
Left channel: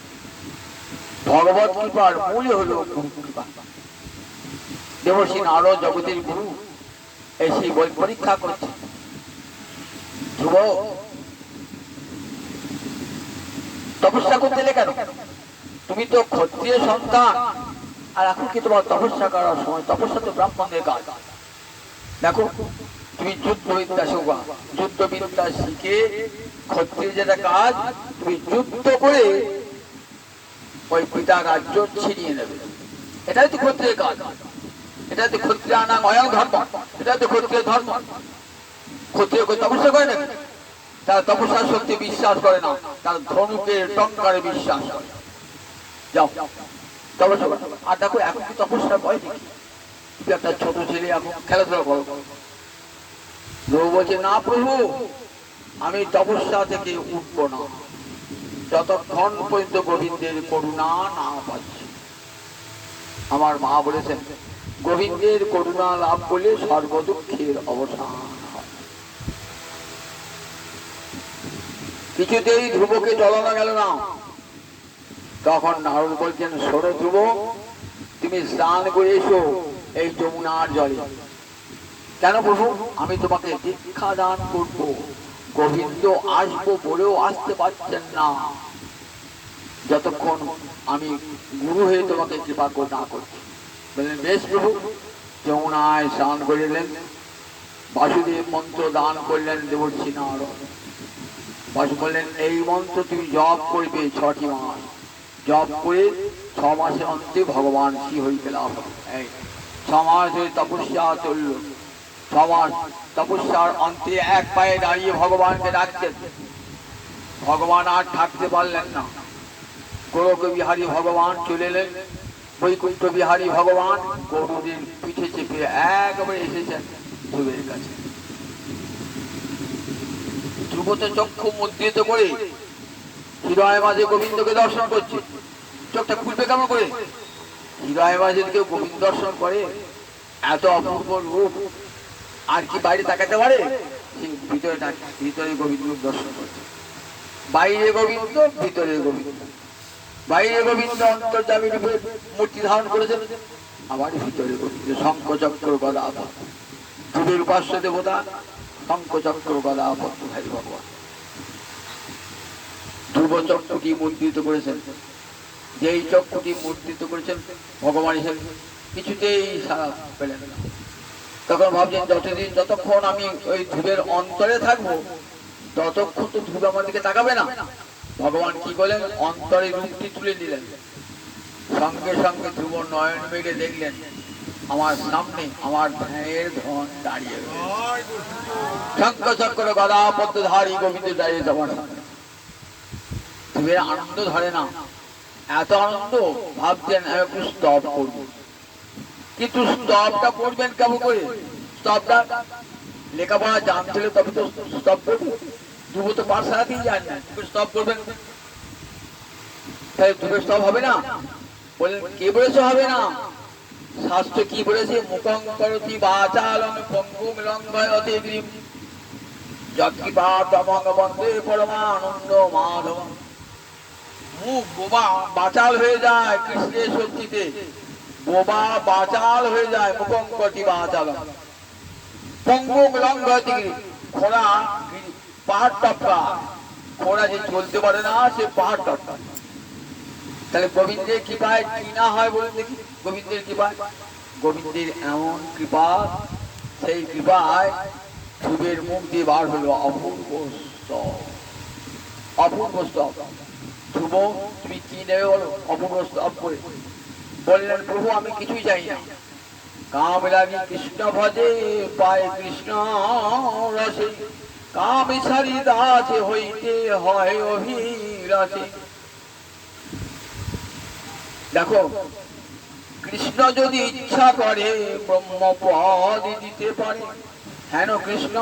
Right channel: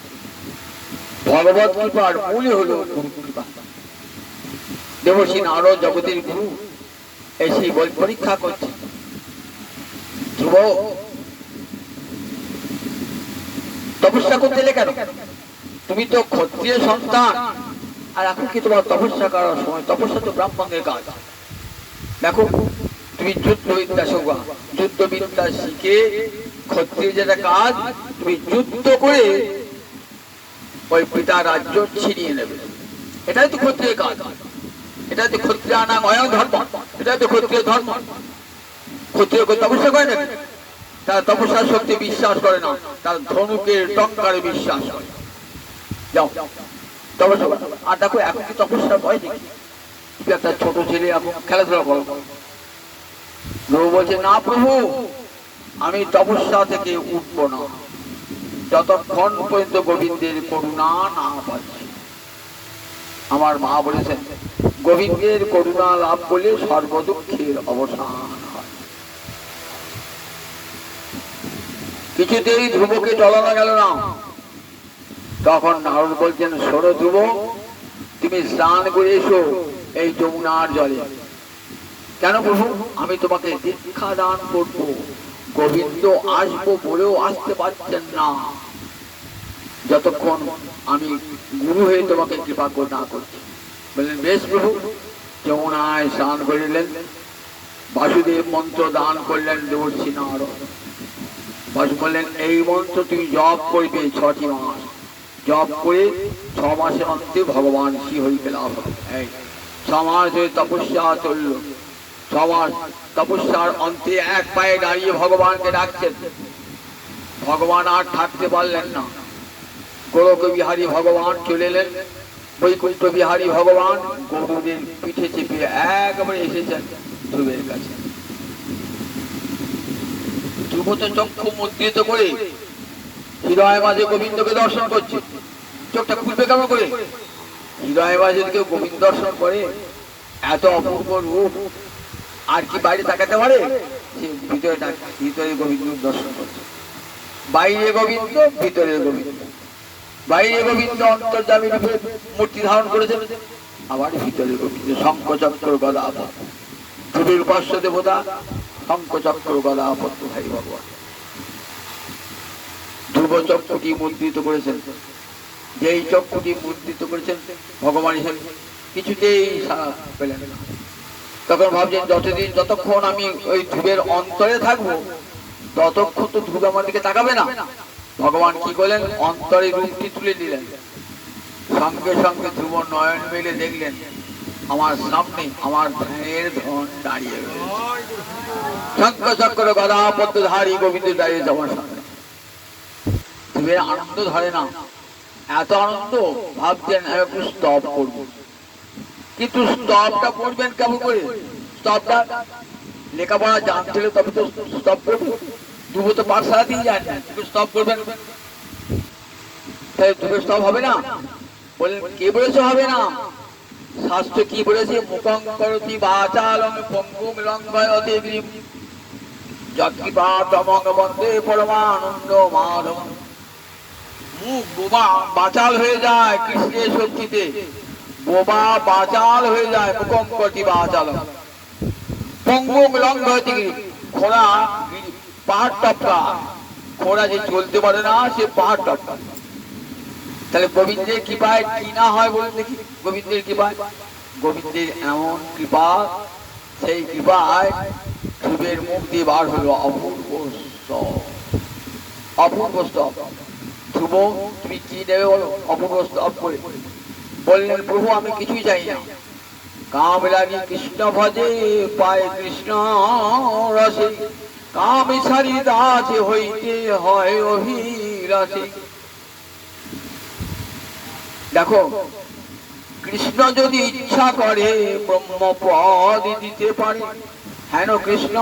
ভগবত কৃপার মূল হলো গুরু কৃপা। দেবশ্রী নারদ জগতের গুরু এসে পরীক্ষা করছে, ধ্রুব তপস্যা করতে এলে কেন? তুমি তো ক্ষত্রিয় সন্তান, আর এখন কি তোমার তপস্যা করার সময়? তপস্যা তো ব্রাহ্মণের কাজ। দেখো তুমি যুদ্ধবিদ্যা শেখা, যুদ্ধবিদ্যা শিখে ক্ষত্রিয় যেটা কাজ, তুমি যুদ্ধ করে ওই পিতা রাজ্য ছিনিয়ে নেবে। এটাই তো ক্ষত্রিয় কাজ। এটা তো ক্ষত্রিয় নাম অয়ং ধর্ম, এটা তো ক্ষত্রিয় ধর্ম। ক্ষত্রিয় তপস্যা করে নাকি? তারা তপস্যার শক্তি বিশ্বাস করে না, তার ধনুকের টঙ্কারে বিশ্বাস করে। যাও তপস্যা করো। আর দেখো এখন কি তপস্যার ভয় দেখি? একটা ছোট ছেলে এখন খেলাধুলা করো। ধ্রুব বলছে না প্রভু, আমি তপস্যা থেকে উঠবো না যতক্ষণ পর্যন্ত গোবিন্দের করুণা না পাচ্ছি। আমার মা বলেছেন গোবিন্দের করুণা লাভ করলে সর্বদুঃখের অবসান হয়। কিছুতেই ধ্রুবকে চলানো গেল না। তখন নারদ বলছেন শোনো ধ্রুব, তুমি স্নান করে এসো এই যমুনার জলে। কেন প্রভু? আমি তোমাকে দীক্ষা দান করব। গোবিন্দ আসবো বলেও আসতে পারছেন না যতক্ষণ আমি গুরু হয়ে তোমাকে কৃপা না করছি। বললেন বেশ প্রভু। যমুনায় স্নান করিলেন, বাসুদেব মন্ত্র দান করলেন দেবর্ষি নারদ। পরশু বললেন এই মন্ত্র তুমি জপ করবে 6টি মাস, জপ করে 6 মাসের অন্তে ভগবান শ্রীহরিকে লাভ হবে। এই 6 মাস ধরে তপস্যা চলল, 6 মাস তপস্যার অন্তে এক পায়ে দাঁড়িয়ে ভগবানকে ডাকছেন। ভগবান আর থাকতে পারলেন না, গোলক বিহারী ভগবান চলে এলেন। বৈকুণ্ঠ বিহারী ভগবান গরুদের পিঠে চেপে একবারে এসেছেন ধ্রুবের কাছে। ধ্রুব তো চক্ষু মুদ্রিত করে হৃদয় মাঝে গোবিন্দকে দর্শন করছে। চোখটা খুলবে কেমন করে? হৃদয় মাঝে কেউ গোবিন্দ দর্শন করে, এত অপূর্ব রূপ আর কি বাইরে তাকাতে পারে? সে ভিতরে গোবিন্দ দর্শন করছে। বাইরে গোবিন্দ, ভিতরে গোবিন্দ। বাইরে গোবিন্দ অন্তর্যামী রূপে মূর্তি ধারণ করেছেন, আবার ভিতরে গোবিন্দ শঙ্খ চক্র গদা পদ্ম। ধ্রুবের উপাস্য দেবতা শঙ্খ চক্র গদা পদ্মধারী ভগবান। ধ্রুব চক্ষুটি মুদ্রিত করেছেন, যেই চক্ষুটি মুদ্রিত করেছেন ভগবান হিসেবে কিছুতেই সাড়া পেলেন না। তখন ভাবছেন যতক্ষণ আমি ওই ধ্রুবের অন্তরে থাকবো ততক্ষণ তো ধ্রুব আমার দিকে তাকাবে না। ভগবান কি করলেন? অন্তরে রূপটি তুলে নিলেন। সঙ্গে সঙ্গে ধ্রুব নয়ন মিলে দেখলেন আমার সামনে আমার ধ্যানের ধন দাঁড়িয়ে রয়েছে। শঙ্খ চক্র গদা পদ্মধারী গোবিন্দ দাঁড়িয়েছে আমার সামনে। ধ্রুবের আনন্দ ধরে না, এত আনন্দ ভাবছেন একটু স্তব করবো, কিন্তু স্তবটা করবেন কেমন করে? স্তবটা লেখাপড়া জানতে হলে তবে তো স্তব করবে। ধ্রুব তো পাঠশালা দিয়ে যান না, স্তব করবেন, ধ্রুবের স্তব হবে না। বললেন কে বলেছে হবে না? শাস্ত্র কি বলেছে? মুখং করতি বাচালং পঙ্গুম লঙ্ঘয়তে গিরিম যৎকৃপাতমং বন্দে পরমানন্দ মাধবম। মুখ বোবা বাচাল হয়ে যায় কৃষ্ণের শক্তিতে, বোবা বাচাল হয়ে যায়। মুখং করতি বাচালং পঙ্গুম লঙ্ঘয়তে গিরিম, ঘোড়া পাহাড় টপকা, ঘোড়া যে চলতে পারে না সে পাহাড় টপকা। তাহলে গোবিন্দের কৃপায় কি না হয় বলুন দেখি? গোবিন্দের কৃপায়, গোবিন্দের এমন কৃপা, সেই কৃপায় ধ্রুবের মুখ দিয়ে বার হলো অপূর্ব স্তব। অপূর্ব স্তব। ধ্রুব তুমি কি নেবে বলো? অপূর্ব স্তব করে বললেন প্রভু আমি কিছুই চাই না, কাম লাগি কৃষ্ণ ভজে পায় কৃষ্ণ রসে, কাম সারি দাসে হইতে হয় অভিলাষে। দেখো কৃষ্ণ যদি ইচ্ছা করে ব্রহ্মপদ দিতে পারে, হেন কৃষ্ণ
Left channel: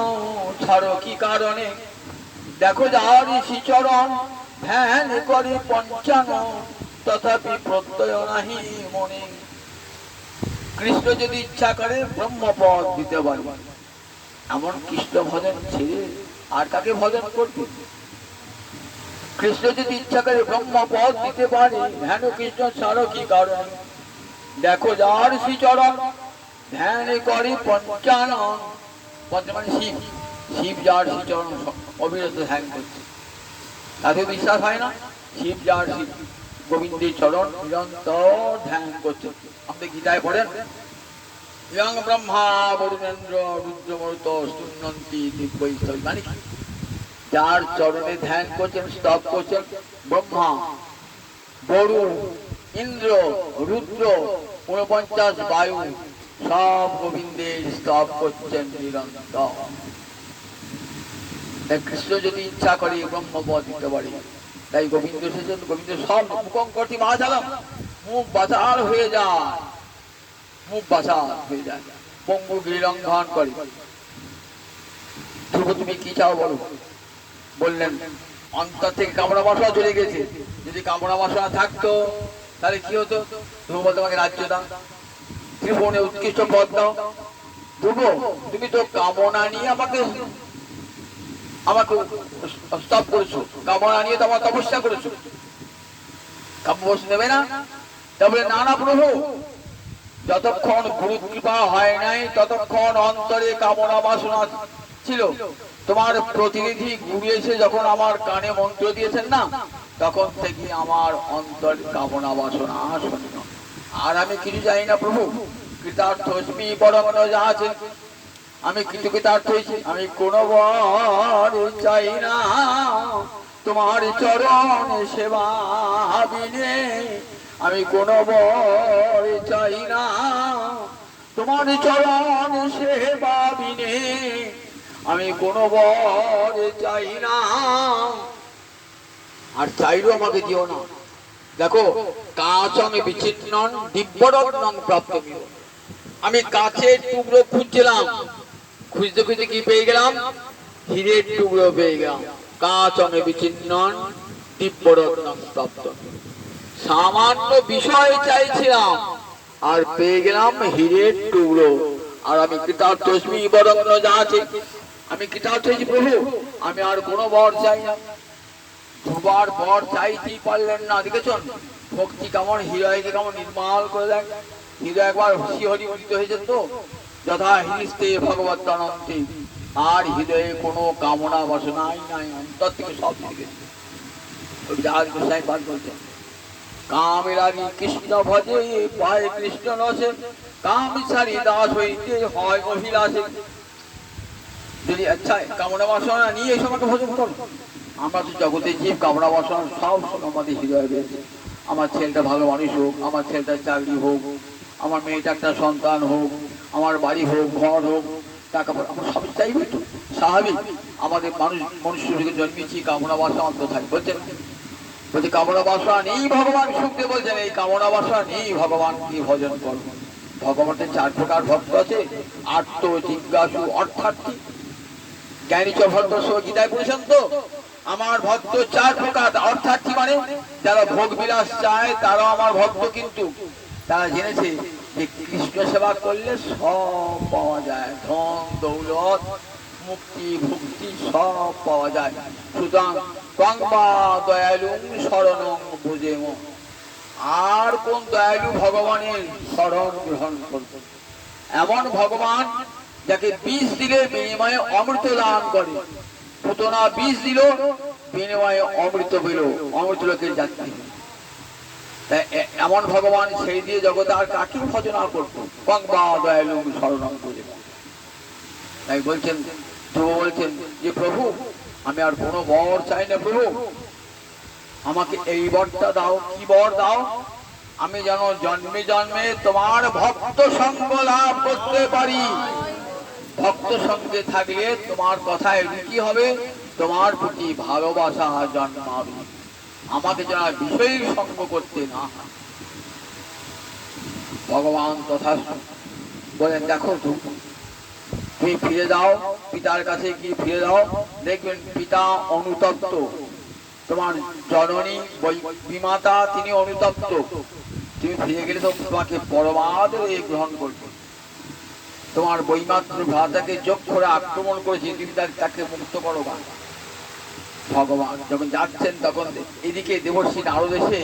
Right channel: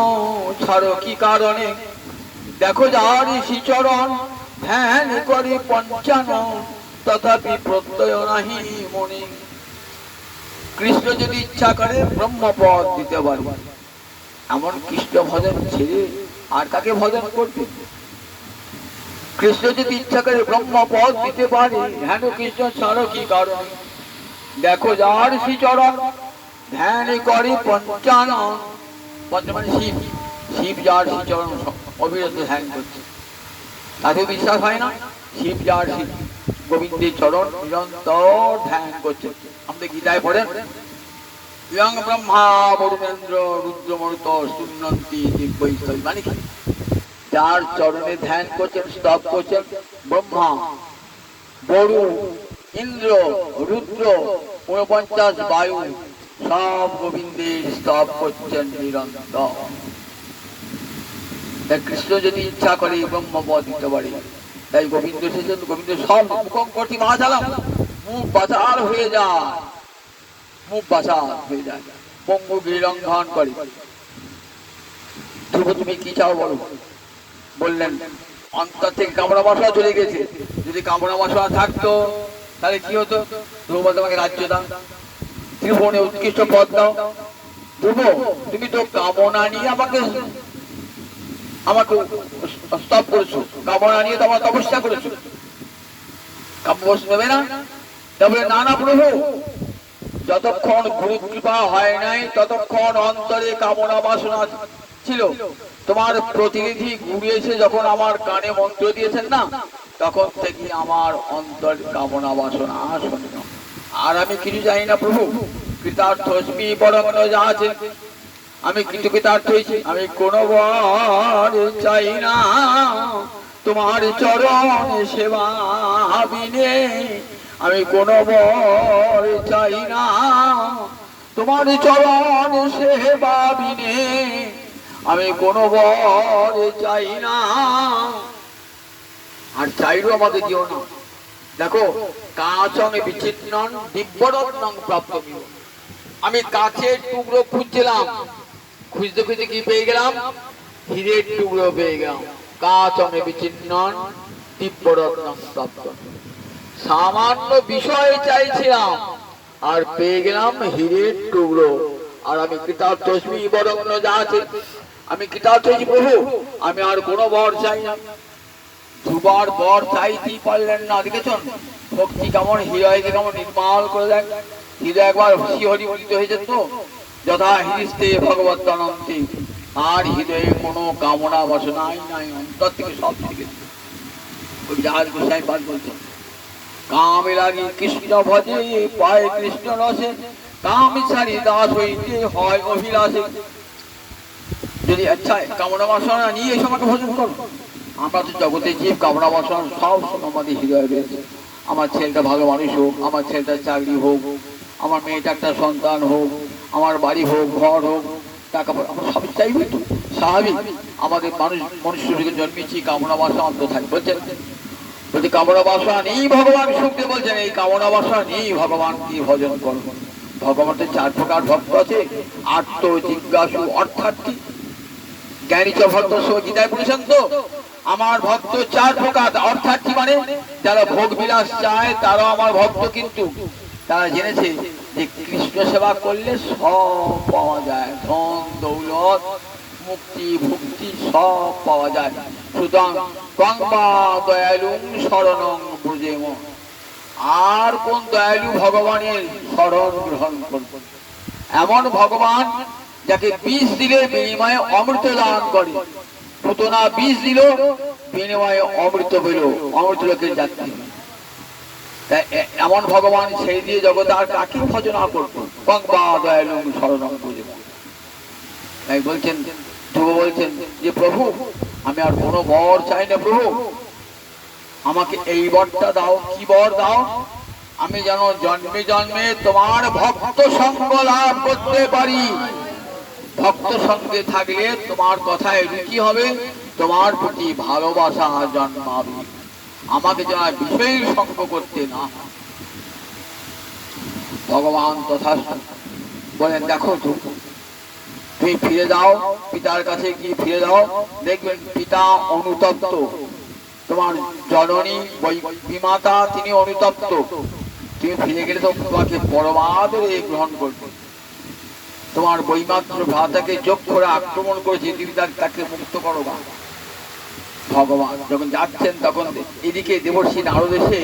ছাড়ো কি কারণে? দেখো যার শ্রীচরণ ধ্যান করে পঞ্চানন, তথাপি প্রত্যয় নাহি মনে। কৃষ্ণ যদি ইচ্ছা করে ব্রহ্মপদ দিতে পারবে, এমন কৃষ্ণ ভজন ছেড়ে আর কাকে ভজন করবে? কৃষ্ণ যদি ইচ্ছা করে ব্রহ্মপদ দিতে পারে, হেন কৃষ্ণ ছাড়ো কি কারণ? দেখো যার শ্রীচরণ ধ্যান করে পঞ্চানন, পঞ্চমান শিব, শিব যার শ্রীচরণ অবিরত ধ্যান করছে, তাতে বিশ্বাস হয় না? শিব যার শিব গোবিন্দের চরণ নিরন্তর ধ্যান করছে। আমাদের গীতায় পড়েন ইয়ং ব্রহ্মা বরুণেন্দ্র রুদ্রমরুত সুন্নন্তি দিব্যৈস্তব, মানে কি? যার চরণে ধ্যান করছেন, স্তব করছেন, ব্রহ্মা, বরুণ, ইন্দ্র, রুদ্র, 49 বায়ু সব গোবিন্দের স্তব করছেন নিরন্তর। কৃষ্ণ যদি ইচ্ছা করে ব্রহ্মপদ দিতে পারে, তাই গোবিন্দ এসেছেন। গোবিন্দ সব মুখং করতি বাচালম, মুখ বাচাল হয়ে যায়, মুখ বাচাল হয়ে যায়, পঙ্গু লঙ্ঘন করে। ধ্রুব তুমি কি চাও বলো? বললেন অন্তর থেকে কামড়া বাসা চলে গেছে, যদি কামড়া বাসা থাকতো তাহলে কি হতো? ধ্রুব তোমাকে রাজ্য দাও, ত্রিভুবনে উৎকৃষ্ট পদ দাও। ধ্রুব তুমি তো কামনা নিয়ে আমাকে স্তব করেছো, কামনা নিয়ে তো আমার তপস্যা করেছো, কাম্যবশ নেবে না? তবে না না প্রভু, যতক্ষণ গুরু কৃপা হয় নাই ততক্ষণ অন্তরে কামনা বাসনা ছিল। তোমার প্রতিনিধি গুরু এসে যখন আমার কানে মন্ত্র দিয়েছেন না, তখন থেকে আমার অন্তর কামনা বাসনা শূন্য। আর আমি কিছু জানি না প্রভু, কৃতার্থ বরং যা আছে আমি কৃতকৃতার্থ হয়েছি। আমি কোনো বর চাই না তোমার চরণ সেবা বিনে, আমি কোনো বর চাই না তোমার চরণ সেবা বিনে, আমি কোনো বর চাই না। আর চাইলেও আমাকে দিও না। দেখো, কাচং বিচ্ছিন্নং দিব্যরত্নং প্রাপ্তমিহ। আমি কাচের টুকরো খুঁজছিলাম, খুঁজতে খুঁজতে কি পেয়ে গেলাম? হীরের টুকরো পেয়ে গেলাম। কাচং বিচ্ছিন্নং দিব্যরত্নং প্রাপ্তমিহ। সামান্য বিষয় চাইছিলাম আর পেয়ে গেলাম হীরের টুকরো। আর আমি কৃতার্থস্মি বরং ন যা আছে, আমি কৃতার্থ হয়েছি প্রভু। আমি আর কোনো বর চাই না। দুবার বর চাইতেই পারলেন না। দেখেছেন ভক্তি কেমন হৃদয়কে কেমন নির্মল করে দেয়। হৃদয় একবার শিহরি উদিত হয়েছে তো, যথা হৃদয়ে ভগবত অনন্তে। আর হৃদয়ে কোনো কামনা বাসনাই নাই, অন্তর থেকে সব থেকে বিরাজ গোসাই পাঠ বলছেন, কামে লাগি কৃষ্ণ ভজে পায় কৃষ্ণ রসে, কাম ছাড়ি দাস হইতে হয় অভিলাষে। যদি আচ্ছা কামনা বাসনা নিয়ে এই সময়কে ভজন করো। আমরা তো জগতে জীব, কামনা বাসনা সব সময় আমাদের হৃদয়ে রয়েছে। আমার ছেলেটা ভালো মানুষ হোক, আমার ছেলেটার চাকরি হোক, আমার মেয়েটা একটা সন্তান হোক, আমার বাড়ি হোক, ঘর হোক, টাকা পয়সা, আমরা সবই চাইবই তো, স্বাভাবিক। আমাদের মনুষ্যকে জন্মেছি কামনা বাসনা অন্তথায় বলছেন। বলছি কামনা বাসনা নেই ভগবান শুনতে বলছেন, এই কামনা বাসনা নেই ভগবানকে ভজন করবো। ভগবানের 4 প্রকার ভক্ত আছে। আত্ম জিজ্ঞাসু অর্থাৎ কি? জ্ঞানী চ ভক্ত গীতায় বলেছেন তো, আমার ভক্ত 4 প্রকার। অর্থাৎ কি মানে? যারা ভোগ বিলাস চায় তারা আমার ভক্ত, কিন্তু তারা জেনেছে যে কৃষ্ণ সেবা করলে সব পাওয়া যায়, ধন দৌলত মুক্তি ভক্তি সব পাওয়া যায়। সুতরাং কংবা দয়ালুং শরণং ব্রজেম। আর কোন দয়ালু ভগবানের শরণ গ্রহণ করব? এমন ভগবান যাকে বিষ দিলে বিনিময়ে অমৃত দান করে। পুতনা বিষ দিল, বিনিময়ে অমৃত পেল, অমৃত লোকের যাত্রী। এমন ভগবান সেই দিয়ে জগতে আর কাকে ভজনা করবো? কংবা দয়ালু শরণং ব্রজেম। তাই বলছেন, ধ্রুব বলছেন যে প্রভু আমি আর কোনো বর চাই না প্রভু, আমাকে এই বরটা দাও। কি বর দাও? আমি যেন জন্মে জন্মে তোমার ভক্ত সঙ্গ লাভ করতে পারি। ভক্ত সঙ্গে থাকলে তোমার কথায় রুচি হবে, তোমার প্রতি ভালোবাসা জন্মাবে। আমাকে যেন বিষয়ের সঙ্গ করতে না। ভগবান তথা বলেন, দেখো তুমি ফিরে যাও পিতার কাছে, গিয়ে ফিরে যাও, দেখবেন পিতা অনুতপ্ত। তোমার জননী বিমাতা তিনি অনুতপ্ত। তুমি ফিরে গেলে তো তোমাকে পরমাদরে গ্রহণ করবে। তোমার বৈমাত্র ভ্রাতাকে যোগ করে আক্রমণ করেছে, তুমি তাকে মুক্ত করো। ভগবান যখন যাচ্ছেন তখন এদিকে দেবর্ষি নারদ এসে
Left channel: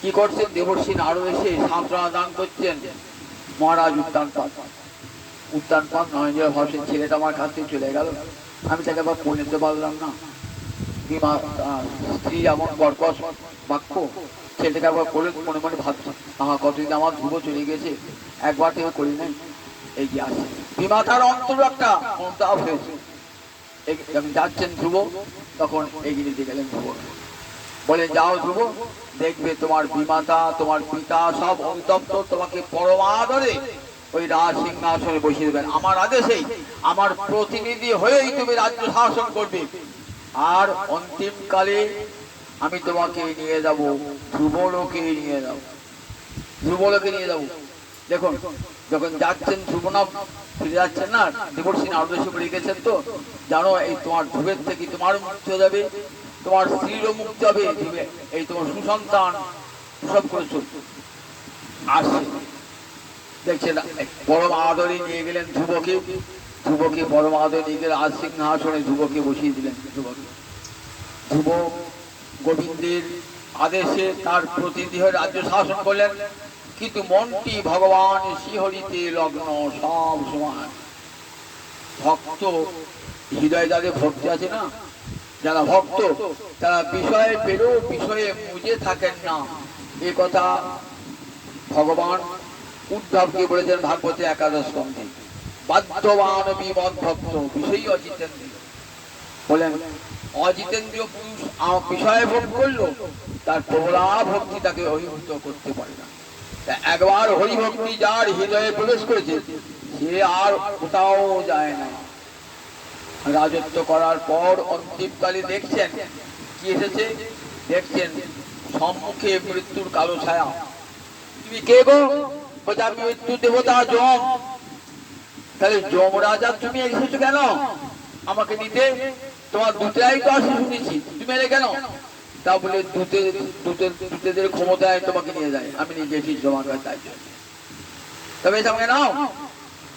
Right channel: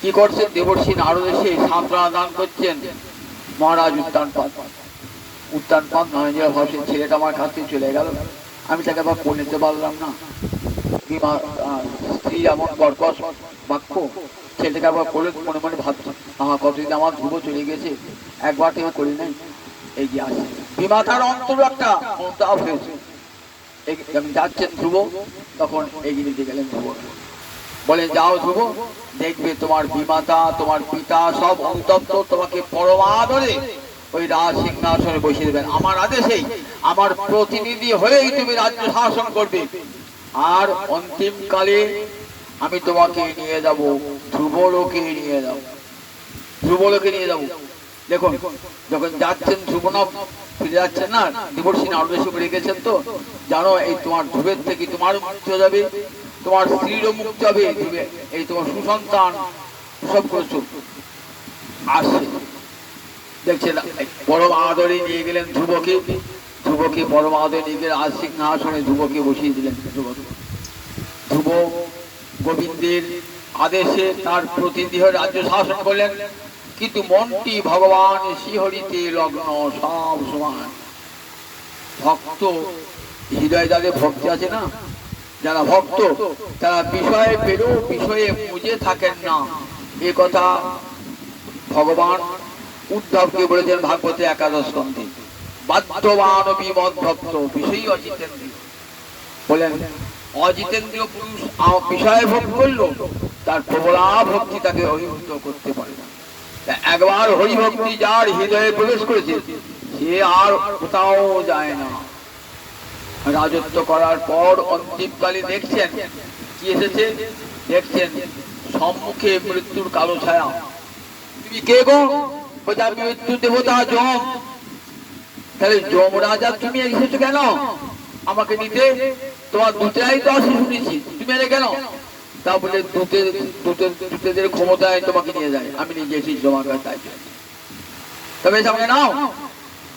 কি করছেন? দেবর্ষি নারদ এসে সান্ত্বনা দান করছেন। মহারাজ উত্তানপাত নরেন্দ্র ভাবছেন ছেলেটা আমার কাছ থেকে চলে গেল, আমি তাকে আবার করে নিতে পারলাম না। স্ত্রী এমন কর্কশ বাক্য, ছেলেটাকে আবার করে মনে মনে ভাবছে, কতদিন আমার ধ্রুব চলে গেছে, একবার থেকে করি নাই। এগিয়ে আসছে বিমাতার অন্তর একটা অনুতাপ হয়েছে। যখন যাচ্ছেন ধ্রুব তখন এগিয়ে নিতে গেলেন ধ্রুব, বলে যাও ধ্রুব, দেখবে তোমার বিমাতা তোমার পিতা সব অনুতপ্ত, তোমাকে পরমাদরে ওই রাজ সিংহাসনে বসিয়ে দেবেন। আমার আদেশেই, আমার প্রতিনিধি হয়েই তুমি রাজ্য শাসন করবে। আর অন্তিম কালে আমি তোমাকে নিয়ে যাব ধ্রুবলোকে নিয়ে যাব, ধ্রুবলোকে নিয়ে যাব। দেখুন যখন যাচ্ছেন ধ্রুবনা ফিরে যাচ্ছেন না, দেবর্ষি নারদ এসে রেখেছেন তো, জানো এই তোমার ধ্রুবের থেকে তোমারও মুক্তি হয়ে যাবে, তোমার স্ত্রীরও মুক্তি হবে, এই তোমার সুসন্তান সব করছো আসছে। দেখছেন পরম আদরে নিয়ে গেলেন ধ্রুবকে, ধ্রুবকে পরম আদরে নিয়ে গেলে আজ সিংহাসনে ধ্রুবকে বসিয়ে দিলেন। ধ্রুব গোবিন্দের আদেশে তার প্রতিনিধি হয়ে রাজ্য শাসন করলেন, কিন্তু মনটি ভগবান শ্রীহরিতে লগ্ন সব সময়। ভক্ত হৃদয় যাদের ভক্তি আছে না, যারা ভক্ত তারা বিষয়ে পেরো বিষয়ে মুজে থাকেন না। এ কথা ভগবান উদ্ধবকে বলেছেন ভাগবতে 11 স্কন্ধে। বাধ্যবান বিমদ ভক্ত বিষয়ী অজিতেন্দ্রীয়। বলেন অজিতেন্দ্রীয় পুরুষ বিষয়ে ভক্তি করলো, তার প্রবলা ভক্তি তাকে অভিভূত করতে পারে না। একবার হরি ভক্তি যার হৃদয়ে প্রবেশ করেছে সে আর কোথাও যায় না। রাজত্ব করার পর অন্তিমকালে দেখছেন কি এসেছে, দেখছেন সম্মুখে মৃত্যুর কালো ছায়া। তুমি কে গো? বলছে আমি মৃত্যু দেবতা যম। তাহলে যম রাজা তুমি এসেছো কেন আমাকে নিতে? তোমার দুটাই তো আসি শুনেছি, তুমি এলে কেন? তা বলে দূতেদের ক্ষমতায় তোমাকে নিয়ে যায়, আমি নিজে এসেছি তোমার কাছে। তাই তবে আমাকে নাও।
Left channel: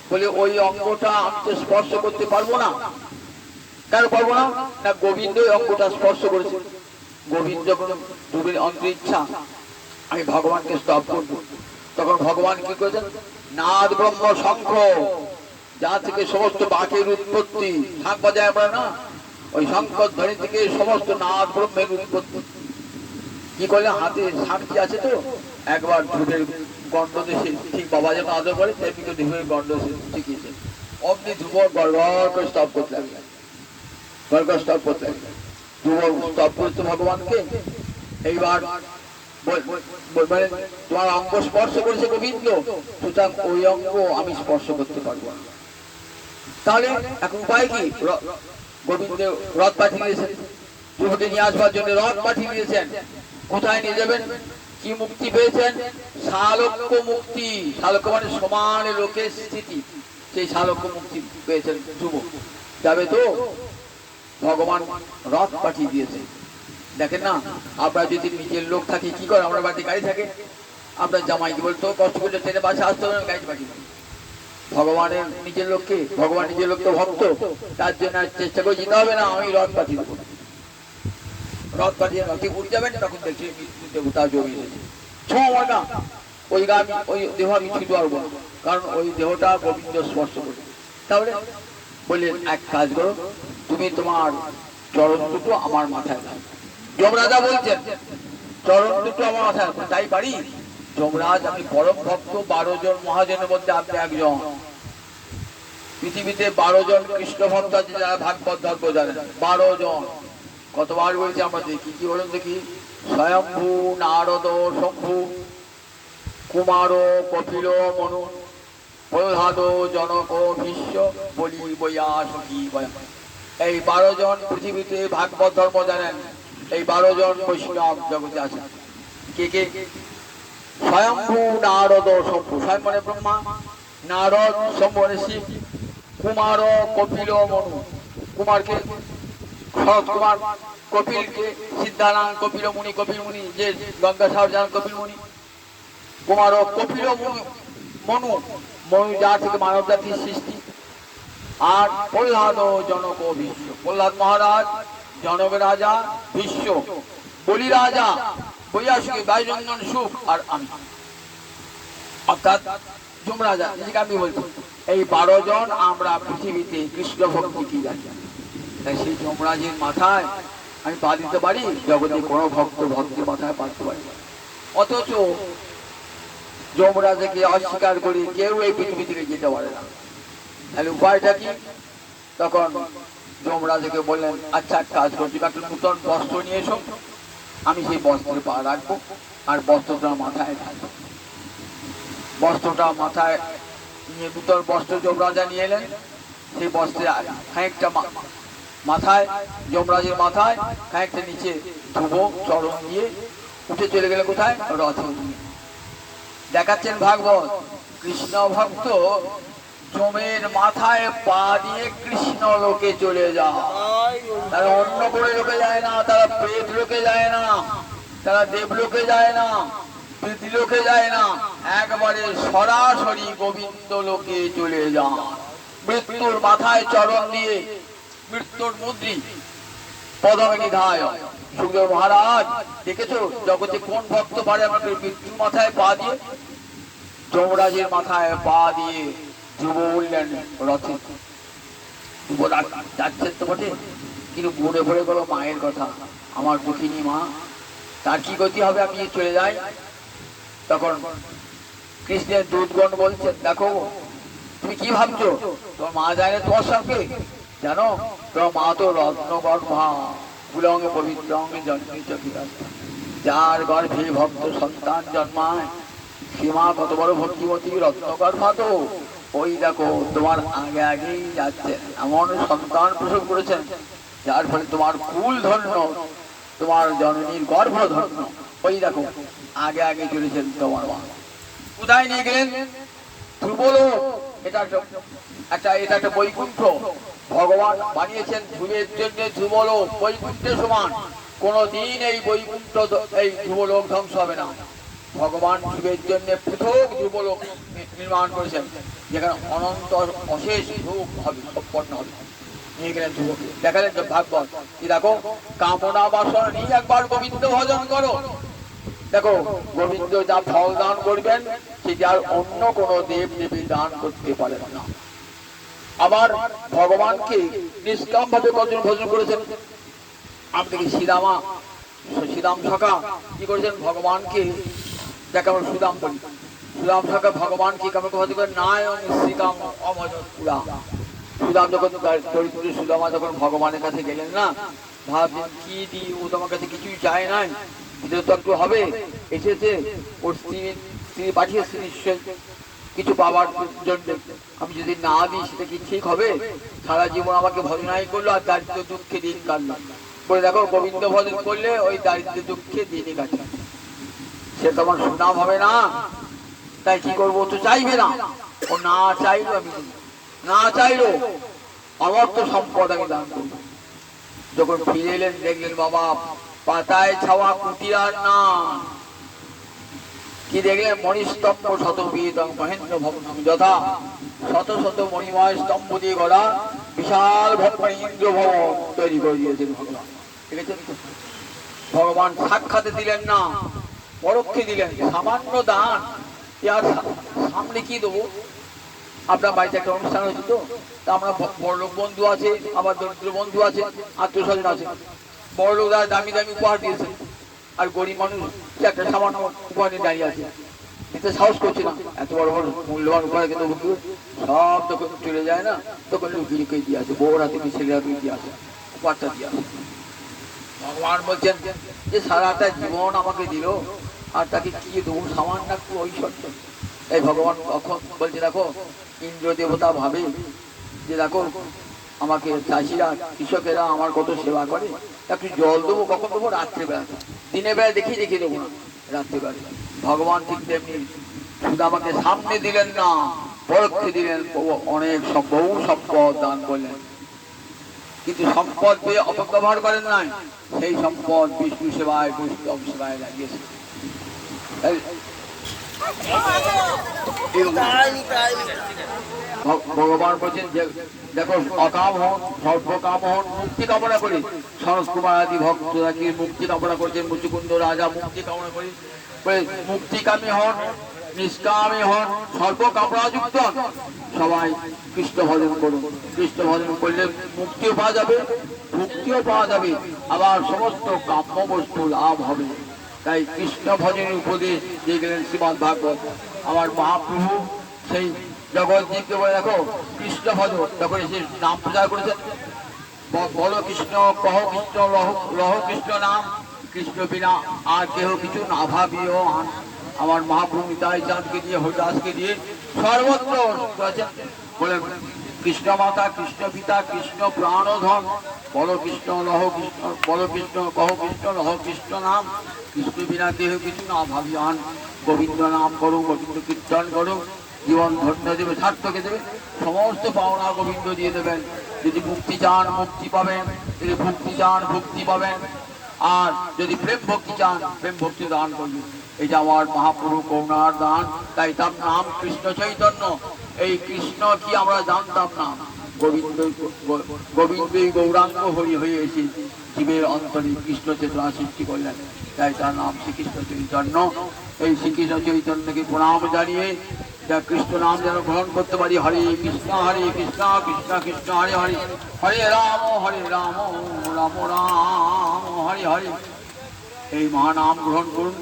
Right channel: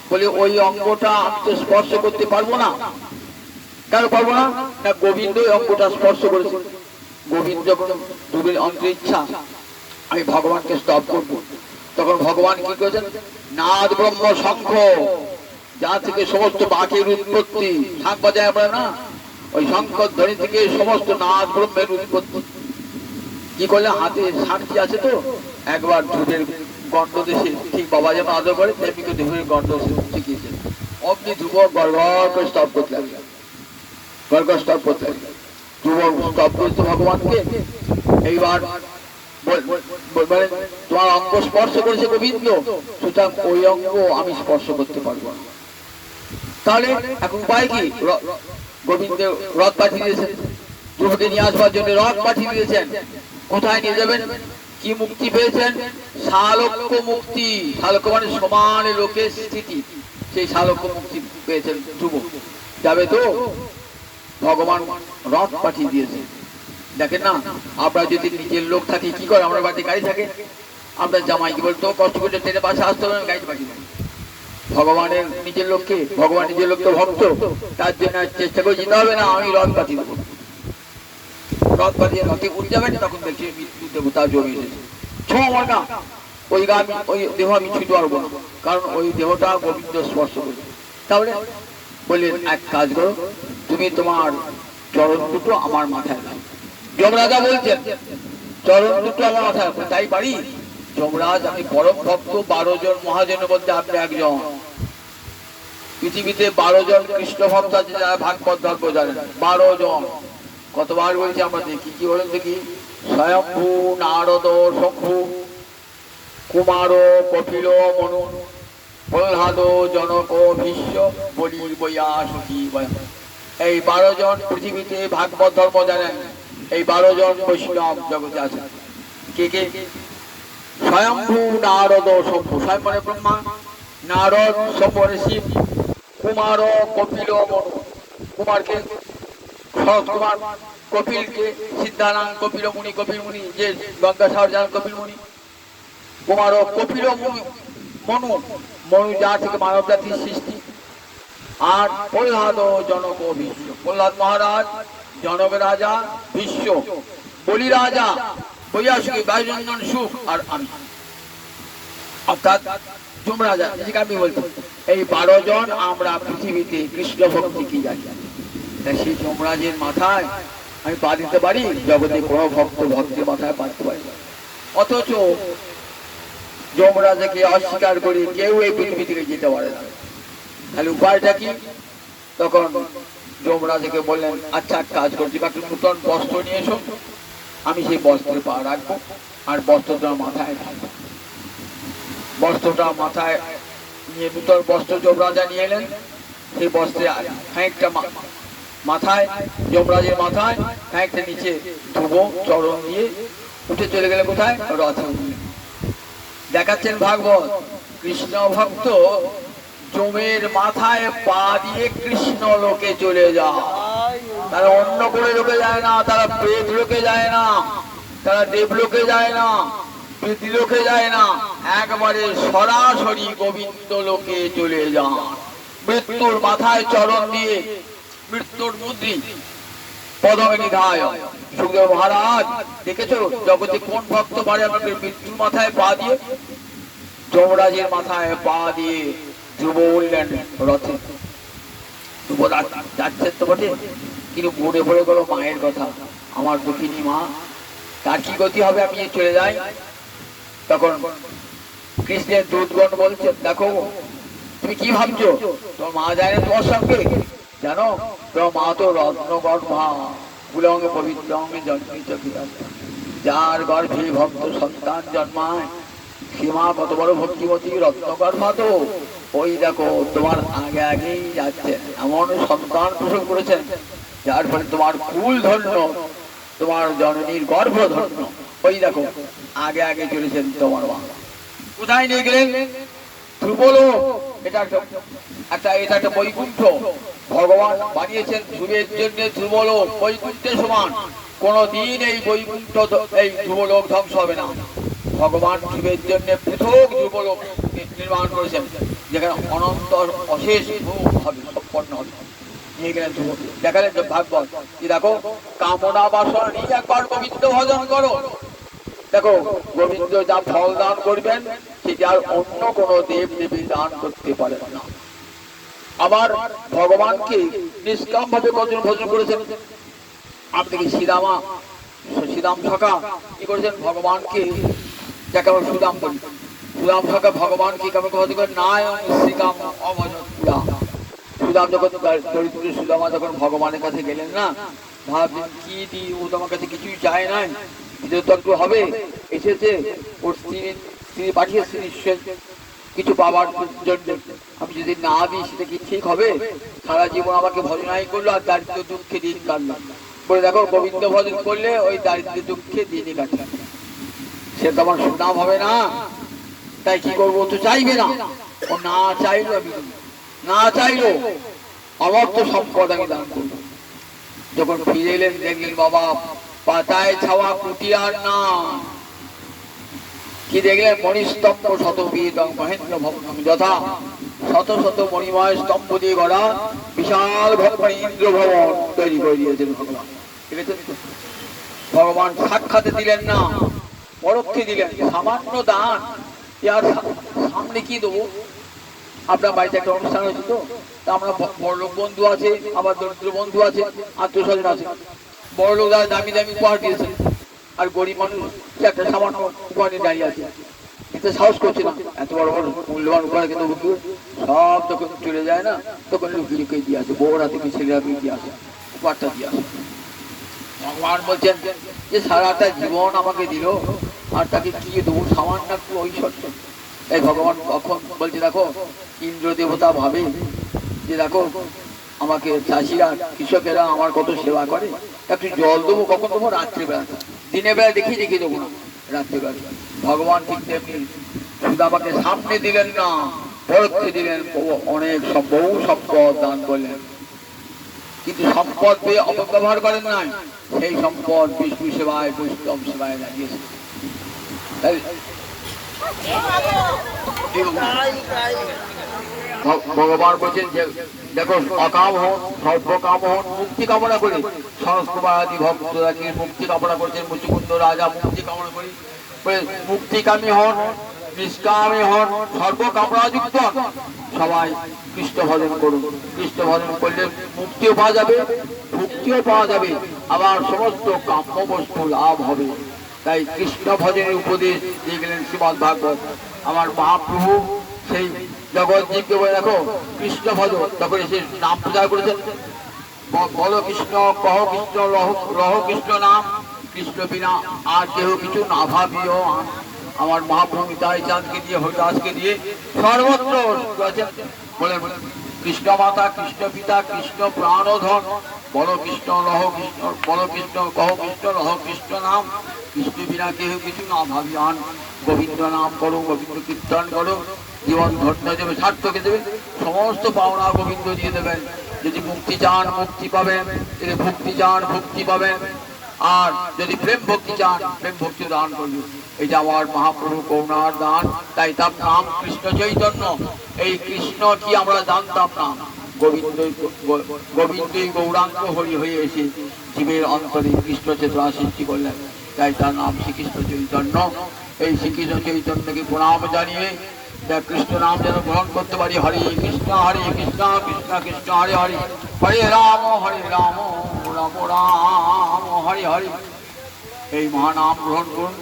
বলে ওই অঙ্গটা আমি তো স্পর্শ করতে পারবো না। কেন পারবো না? না গোবিন্দ ওই অঙ্গটা স্পর্শ করেছে। গোবিন্দ যখন দুবের অন্তর ইচ্ছা আমি ভগবানকে স্তব করবো, তখন ভগবান কি করেছেন? নাদ ব্রহ্ম শঙ্খ, যা থেকে সমস্ত বাঘের উৎপত্তি, শাঁখ বাজায় আমরা না, ওই শঙ্খ ধ্বনি থেকে সমস্ত নাদ ব্রহ্মের উৎপত্তি। কি করলে হাতে সাক্ষী আছে তো, একবার ধূপের গন্ধ দেশে ঠিক বাবা যেমন আদর করে তেমনি ধূপের গন্ধ শিখিয়েছে। অমনি ধূপ গড়গড় করে স্তব করতে লাগবে, গড়গড় স্তব করতে লাগবে। ধূপ স্তব করতে ভগবানকে। এইবার তোমার অঙ্গ স্পর্শ করেছে গোবিন্দ, সুতরাং ওই অঙ্গ আমি স্পর্শ করতে পারবো না। তাহলে এখন উপায় কি? গোবিন্দের রথ পাঠিয়ে দিয়েছেন, ধ্রুবকে নিয়ে আসবার জন্য রথ পাঠিয়ে দিয়েছেন। কোথায় নিয়ে যাবেন? কি মুক্তি পেয়েছেন? শালক্য মুক্তি। শালক্য মানে সমান লোকের স্থিতি, সেই শালক্য মুক্তি পেয়েছেন ধ্রুব। যাবে তো ভগবান রথ পাঠিয়ে দিয়েছে। দেখেন না, আমরা যদি নিজের লোক থাকি কি করে, আমরা বাড়িতে গাড়ি থাকে, আমরা জামাই কি বলতো কষ্ট করে ট্রেনে বাসে আসতে হবে, গাড়ি পাঠিয়ে দেয়। ভগবানের নিজের লোককে, ভগবান নিজের লোক তো ভক্ত, তার জন্য চেষ্টা করে যেতে হবে না, আমি রথ পাঠিয়ে দেবো। রথ পাঠিয়ে রথে উঠে যাবেন, তখন দেখছি মৃত্যু দেবতা জমি এসেছে। আমার না ওই গান, ওই দেহ আমি ছুঁতে পারবো না, কারণ ওই দেহটা গোবিন্দ স্পর্শ করে। তাহলে বললেন এক কাজ করো, তুমি তোমার চরণ দুটো আমার মাথায় দাও। যমরাজা বলছেন চরণ দুটো আমার মাথায়, তাই পারি? যমরাজ আমি পরম ভক্ত, 12 জন মহাজনের মধ্যে আপনি একজন। পৃথিবীতে 12 জন কৃষ্ণ ভক্ত আছে যারা ভাগবত ধর্ম জানেন, 12 জন। কতবার বলছি আমরা দেখি, কি বলেন দেখি? স্বয়ম্ভু, নারদ, শম্ভু, কুমার, কপিল, মনু, প্রহ্লাদ, জনক, ভীষ্ম, বলি, বৈয়া, সখী, এই 12 জন পৃথিবীতে ভাগবত ধর্ম জানেন। এই 12 জন বৈষ্ণব জগতে আছে। কে কে? স্বয়ম্ভু, নারদ, শম্ভু। স্বয়ং মানে ব্রহ্মা, নারদ শম্ভু মানে শিব, কুমার, কপিল, মনু। কুমারকে শরৎ কুমার, কপিলকে সিদ্ধারাম, কপিল মুনি, কপিল মুনি যে গঙ্গাসাগর যান কপিল মুনি। কুমার, কপিল, মনু, মনু যার থেকে মানব জাতির সৃষ্টি। আর প্রহ্লাদ, জনক, ভীষ্ম। প্রহ্লাদ মহারাজ, জনক রাজা, ভীষ্ম বলি রাজা, বৈয়াসুকি, বায়ুরঞ্জন সুখ, আর আমি অর্থাৎ যমরাজা। আমি বলছি এই 12 জন আমরা পৃথিবীতে কৃষ্ণ ভক্তি কি জানি। তাই সেই যমরাজের মাথায় আমি পা দিতে পারি, জগতে কোনো ভক্ত ভক্তের মাথায় পা দিতে পারি। অথচ যমরাজাকে অস্বীকার করে কেউ এই পৃথিবী থেকে যেতে পারে না। তাহলে উপায়টা কি? তখন যমরাজাকে বললেন আচ্ছা এক কাজ করছি, একটা নূতন বস্ত্র নিয়ে এসো, আমি সেই বস্ত্রে পা রাখবো আর বস্ত্রটা মাথায় রাখবো। বস্ত্রটা মাথায় নিয়ে নূতন বস্ত্র যমরাজা নিয়ে এলেন। সেই বস্ত্রে খানিকটা মাথায়, যমরাজের মাথায় খানিকটা নিচে ধুবো চরণ দিয়ে উঠে চলে গেলে কোথায়? রথে উঠলেন। দেখাচ্ছেন ভাগবত কৃষ্ণ ভক্ত যমের মাথায় পা দিয়ে কৃষ্ণ লোকে চলে যায়। তারা অন্য করে লোকে যায় না, তারা প্রেত লোকে যায় না, তারা দেবলোকে যায় না, পৃথিলোকে যায় না, একবারে সরাসরি গোবিন্দ লোকে চলে যান। মৃত্যুর মাথায় চরণ দিয়ে, মৃত্যুর মুদ্রি পদমে নিধায়। সুখদেব মহারাজ দেখেছো জগতে কোন ভক্ত পারে আমাকে মৃত্যুর মাথায় পা দিয়ে? যমরাজের মাথায় পা দিয়ে ধ্রুব উঠলেন রথে। ধ্রুব যাচ্ছেন তো বটে, কিন্তু মনে পড়ে গেল মায়ের কথা, আমার দুঃখিনী মা, তার কি গতি হবে আমি চলে যাই। তখন কৃষ্ণের দূতগণ বলছেন দেখো তুমি কি ভাবছো? তোর মা জানে তোমার সঙ্গে? জানো তোর মা তো রত্নগর্ভা কুলঙ্গে পবিত্র অঙ্গে জন্মিত, যার গর্ভে ভক্ত সন্তান জন্মায় সে মা কত বড় ভক্তিবতী রত্নগর্ভা। তো ওই দেখো তোমার আগে আগেই যাচ্ছে, এমন সন্তান প্রসব করেছেন যার ফলে তোমার কুল ধন্য, তোমার জননীর গর্ভ ধন্য। ওই দেখো আগে আগে চলেছেন তোমার মা। কোথায় নিয়ে গেলেন? ধ্রুবলোক। এটা একটা বৈকুণ্ঠ ভগবান বানিয়েছেন ধ্রুবের জন্য। ধ্রুবলোক বৈকুণ্ঠের সমান, কোনদিন এই বৈকুণ্ঠ এই ধ্রুবলোক ধ্বংস হবে না। ভগবান ধ্রুবের জন্য পৃথক ধ্রুবলোক নির্মাণ করেছেন, যেখানে অনন্ত অশেষ ধ্রুব হবে, উৎপন্ন হবে। নিয়ে গেলেন ধ্রুবকে, দেখালেন ভাগবত। দেখো কামনা বাসনা নিয়ে একবার গোবিন্দ ভজন করো। দেখো গোবিন্দ যা ফল দান করবেন সেটি আর অন্য কোন দেব দেবী দান করতে পারে না। আবার ভগবানকে নিষ্কাম ভাবে ভজন করেছেন। আপনি কি শ্রীরাম সখা কি করেছেন? ভগবানকে, যাকে আমরা সুদাম বলি, সুদাম সখা ভগবানকে কেমন ভজন করেন? নায়ং শ্রীকাম অভজন পুরা। সুদাম যখন সুদামা যখন ভগবানের কাছে গেলেন না, ভাবছেন কি দি, ও তোমার কাছে কিছুই চায় নাই, দিতে তো একটু হবে। এসেছে ওর স্ত্রী পাঠিয়েছে নিশ্চয় কিছু পাওয়ার জন্য, আমি যদি না দিই সেটা কি ঠিক হবে? সারা জীবন আমাকে ভজনাই করলো আর দারিদ্র দুঃখে দিন কাটলো। বলে দেখো গোবিন্দ ভজন করলে ওই দারিদ্র দুঃখে দিনই কাটে, সে তো আমার সুনাম হবে না। তাই কি করবো? তো চাইবে না। ও না চাইলো, আমি না চাইলো আমার তো সম্পদ আমি দান করবো। যখন ফিরে এলেন দেখলেন বাবা পাতায় ছাওয়া কুটির না, কি দেখলেন? মণিস্তম্ভ শতবিধ মহেন্দ্র ভবন যথা, শত শত মণিময় স্তম্ভ দিয়ে গড়া বিশাল ইন্দ্র ভবন তৈরি করে দিয়েছেন ভগবান। ঠিক আছে, ভগবান সাক্ষাতে দিলেন না, পরোক্ষে দিলেন। সামান্য দান, আর সামনে কি দেবো? আপনার বাড়িতে একটা অনুষ্ঠান হয়েছে, তো আমরা বড়লোক বন্ধু আছে, আবার দরিদ্র বন্ধু আছে, আত্মীয় স্বজন আছে। বড়লোক দাদা দামি দামি উপহার দিয়েছে, আর গরিব মানুষ একটা সামান্য উপহার নিয়ে দাঁড়িয়ে আছে, এতে সাহস করছে না। এত বড় বড় মূল্যবান উপহার কিন্তু সব তখন চলে যায় না, তখন লুকিয়ে লুকিয়ে দিয়ে আসে, বউরা থেকে ছেলেরা দিয়ে আসে, উপহারটা দিয়ে আসে। ভগবান বলছেন যে সারাটা জীবন আমাকে দিল, আর তাকে কি দেবো? সামান্য একটু ঐশ্বর্য। এই ভগবান কখন বলছে দেখো ইন্দ্র দেবতা ভাবে যে দেখো আমাকে চাষিরা কৃষকেরা আমার কত সেবা করে, একটু জল দেবো কখন দেবো? রাত্রিবেলা। দিনের বেলা দেখি দেবো না, রাত্রিবেলা। ভগবান ঠিক তেমনি শুধু আমাকে সামনে দিলেন না, পরোক্ষে দিলেন, অনেক বহু সম্পদ দান করলেন। কিন্তু সম্পদ পেয়ে অপব্যবহার করেন নাই, সেই সম্পদ বিষ্ণু সেবায় বৈষ্ণব সেবায় লাগিয়েছে। ভগবান বলছেন যে দেখো অকাম হন, সর্বকাম হন, মুক্তি কামনা করি। সংস্কুমার আদি ভক্তরা কি মুক্তি কামনা করেছেন? মুচুকুন্দ রাজা মুক্তি কামনা করি, মুক্তিকামী হন, নিষ্কামী হন, সর্বকামনাযুক্ত হন, সবাই কৃষ্ণ ভজন করুন। কৃষ্ণ ভজন করলে মুক্তিও পাওয়া যাবে, মুক্তিও পাওয়া যাবে, আবার সমস্ত কাম্য বস্তু লাভ হবে। তাই কৃষ্ণ ভজনের উপদেশ দিয়ে গেলেন শ্রীমদ ভাগবত। আমার মহাপ্রভু সেই জগৎজীবকে বলে দেখো কৃষ্ণ ভজন, তখন এসে নাম প্রচার করেছেন। বলো কৃষ্ণ, কহ কৃষ্ণ, লহ কৃষ্ণ নাম, কৃষ্ণ বিনা আর কেহ কিছু না ভাবিও। আমার মহাপ্রভু নিতাই চাঁদকে দিয়ে, হরিদাসকে দিয়ে সর্বত্র বলে কৃষ্ণ মাতা, কৃষ্ণ পিতা, কৃষ্ণ প্রাণধন, বলো কৃষ্ণ, লহ কৃষ্ণ, বলো কৃষ্ণ, কহ কৃষ্ণ, লহ কৃষ্ণ নাম, কৃষ্ণ বিনা কেহ কিছু না ভাবিয়ান। গোবিন্দ নাম করো, গোবিন্দ কীর্তন করো, জীবন ধন্য দেবে, সার্থকে দেবে, সমস্ত পাওনা গোবিন্দ দিয়ে দেবেন। যদি মুক্তি চান মুক্তি পাবেন, যদি ভক্তি চান ভক্তি পাবেন, আর যদি প্রেম ভক্তি চান প্রেম ভক্তি দান করবে। এটা আমার মহাপ্রভু করুণার দান। তাই তার নাম কৃষ্ণ চৈতন্য। এই কৃষ্ণ কি আমরা জানতাম না, গোবিন্দই গৌরাঙ্গ হরি হয়ে এসে জীবের অন্তরে কৃষ্ণ চেতনা সৃষ্টি করলেন। তাই তার নাম শ্রীকৃষ্ণ চৈতন্য। এই শ্রীকৃষ্ণ চৈতন্যকে প্রণাম জানিয়ে যা কৃষ্ণ নাম যেন গ্রহণ করতে পারি। হরে কৃষ্ণ কৃষ্ণ কৃষ্ণ হরে হরে, হরে রাম রাম রাম হরে হরে। এই মহানাম গ্রহণ করুন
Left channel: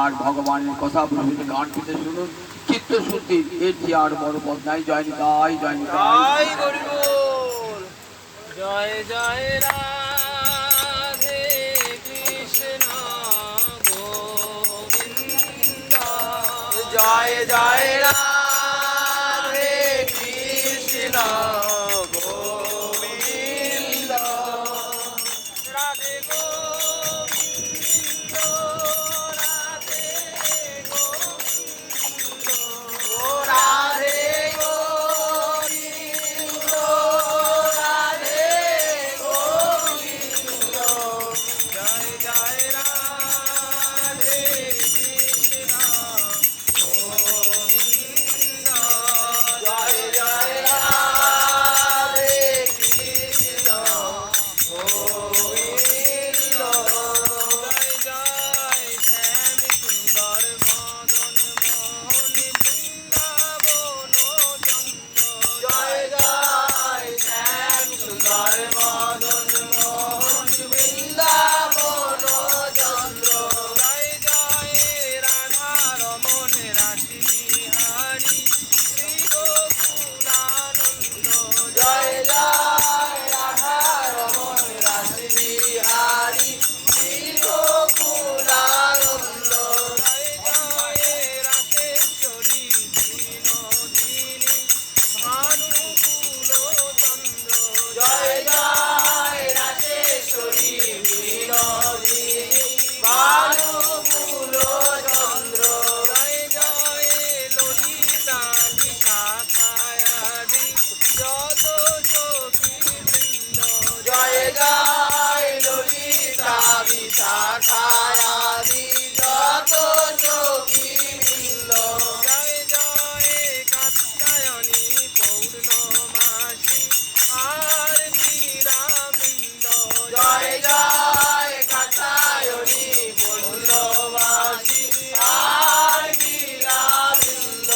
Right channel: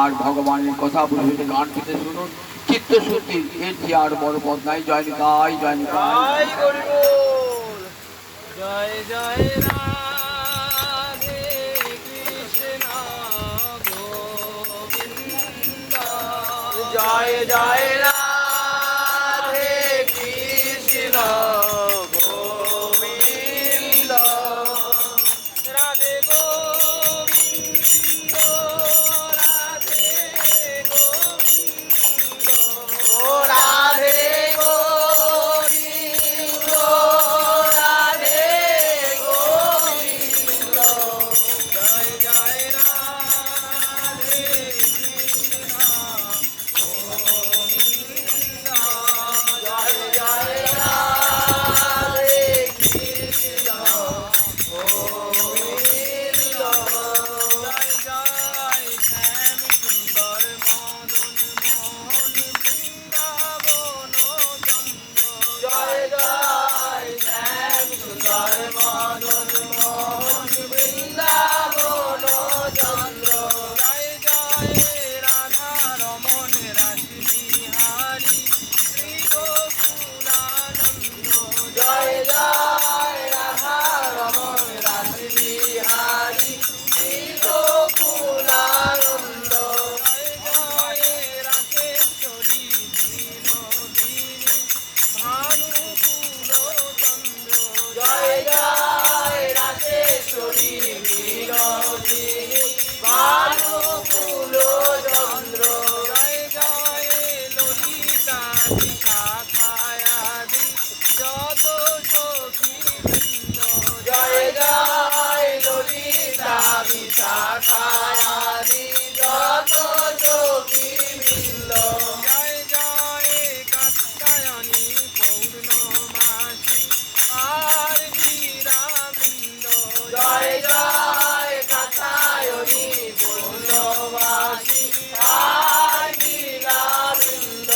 আর ভগবানের কথা বুঝে গান পেতে শুনুন। চিত্তশুদ্ধি, এর চেয়ে আর বড় পথ নাই। জয় নিতাই, জয় নিতাই। জয় জয় রাধে কৃষ্ণ গোবিন্দ, জয় জয় রাধে কৃষ্ণ গোবিন্দ, রাধে গোবিন্দ, রাধে গোবিন্দ, রাধে গোবিন্দ, রাধে গোবিন্দ, জয় জয় রাধে কৃষ্ণ গোবিন্দ, জয় জয় রাধে কৃষ্ণ গোবিন্দ, জয় জয় শ্যাম সুন্দর মদন মোহন বৃন্দাবন চন্দ্র, জয় জয় শ্যাম সুন্দর মদন মোহন বৃন্দাবন চন্দ্র, জয় জয় রাধা রমণ রাস বিহারী শ্রী গোকুলানন্দ, জয় জয় রাধা রমণ রাস বিহারী শ্রী গোকুলানন্দ, জয় জয় রাকেশ্বরী বিনোদিনী ভানুকুল চন্দ্র, জয় জয় রাকেশ্বরী বিনোদিনী ভানুকুল চন্দ্র, জয় জয় ললিতা বিশাখায়াদি যত সখী বৃন্দ, জয় জয় ললিতা বিশাখায়াদি যত সখী বৃন্দ, জয় জয় কাত্যায়নী পূর্ণমাসী আর বীরা বৃন্দ, জয় জয় কাত্যায়নী পূর্ণমাসী আর বীরা বৃন্দ,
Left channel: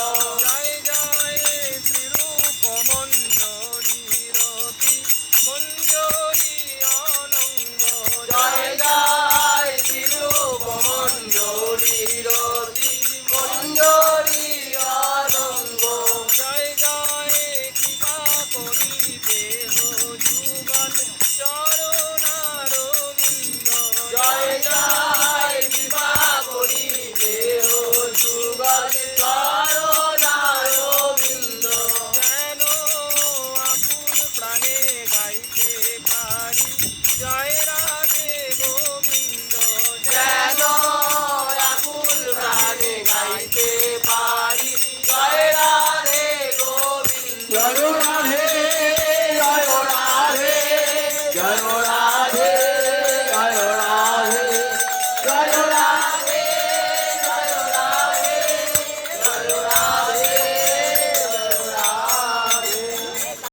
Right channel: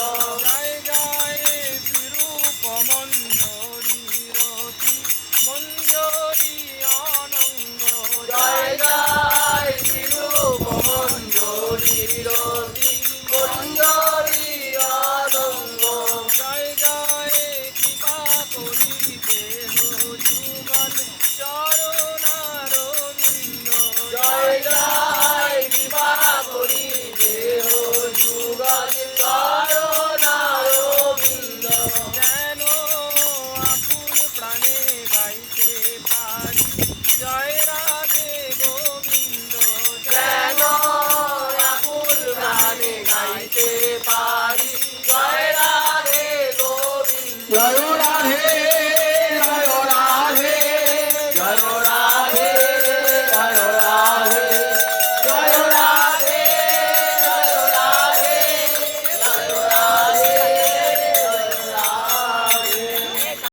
জয় জয় শ্রীরূপ মঞ্জরি রতি মঞ্জরি অনঙ্গ, জয় জয় শ্রীরূপ মঞ্জরি রতি মঞ্জরি অনঙ্গ, জয় জয় কৃপা করিতে যুগল চরণারবিন্দ, জয় জয় কৃপা করিতে যুগল চরণারবিন্দ, যেন আকুল প্রাণে গাইতে পারি জয় রাধে গোবিন্দ, যেন আকুল প্রাণে গাইতে পারি জয়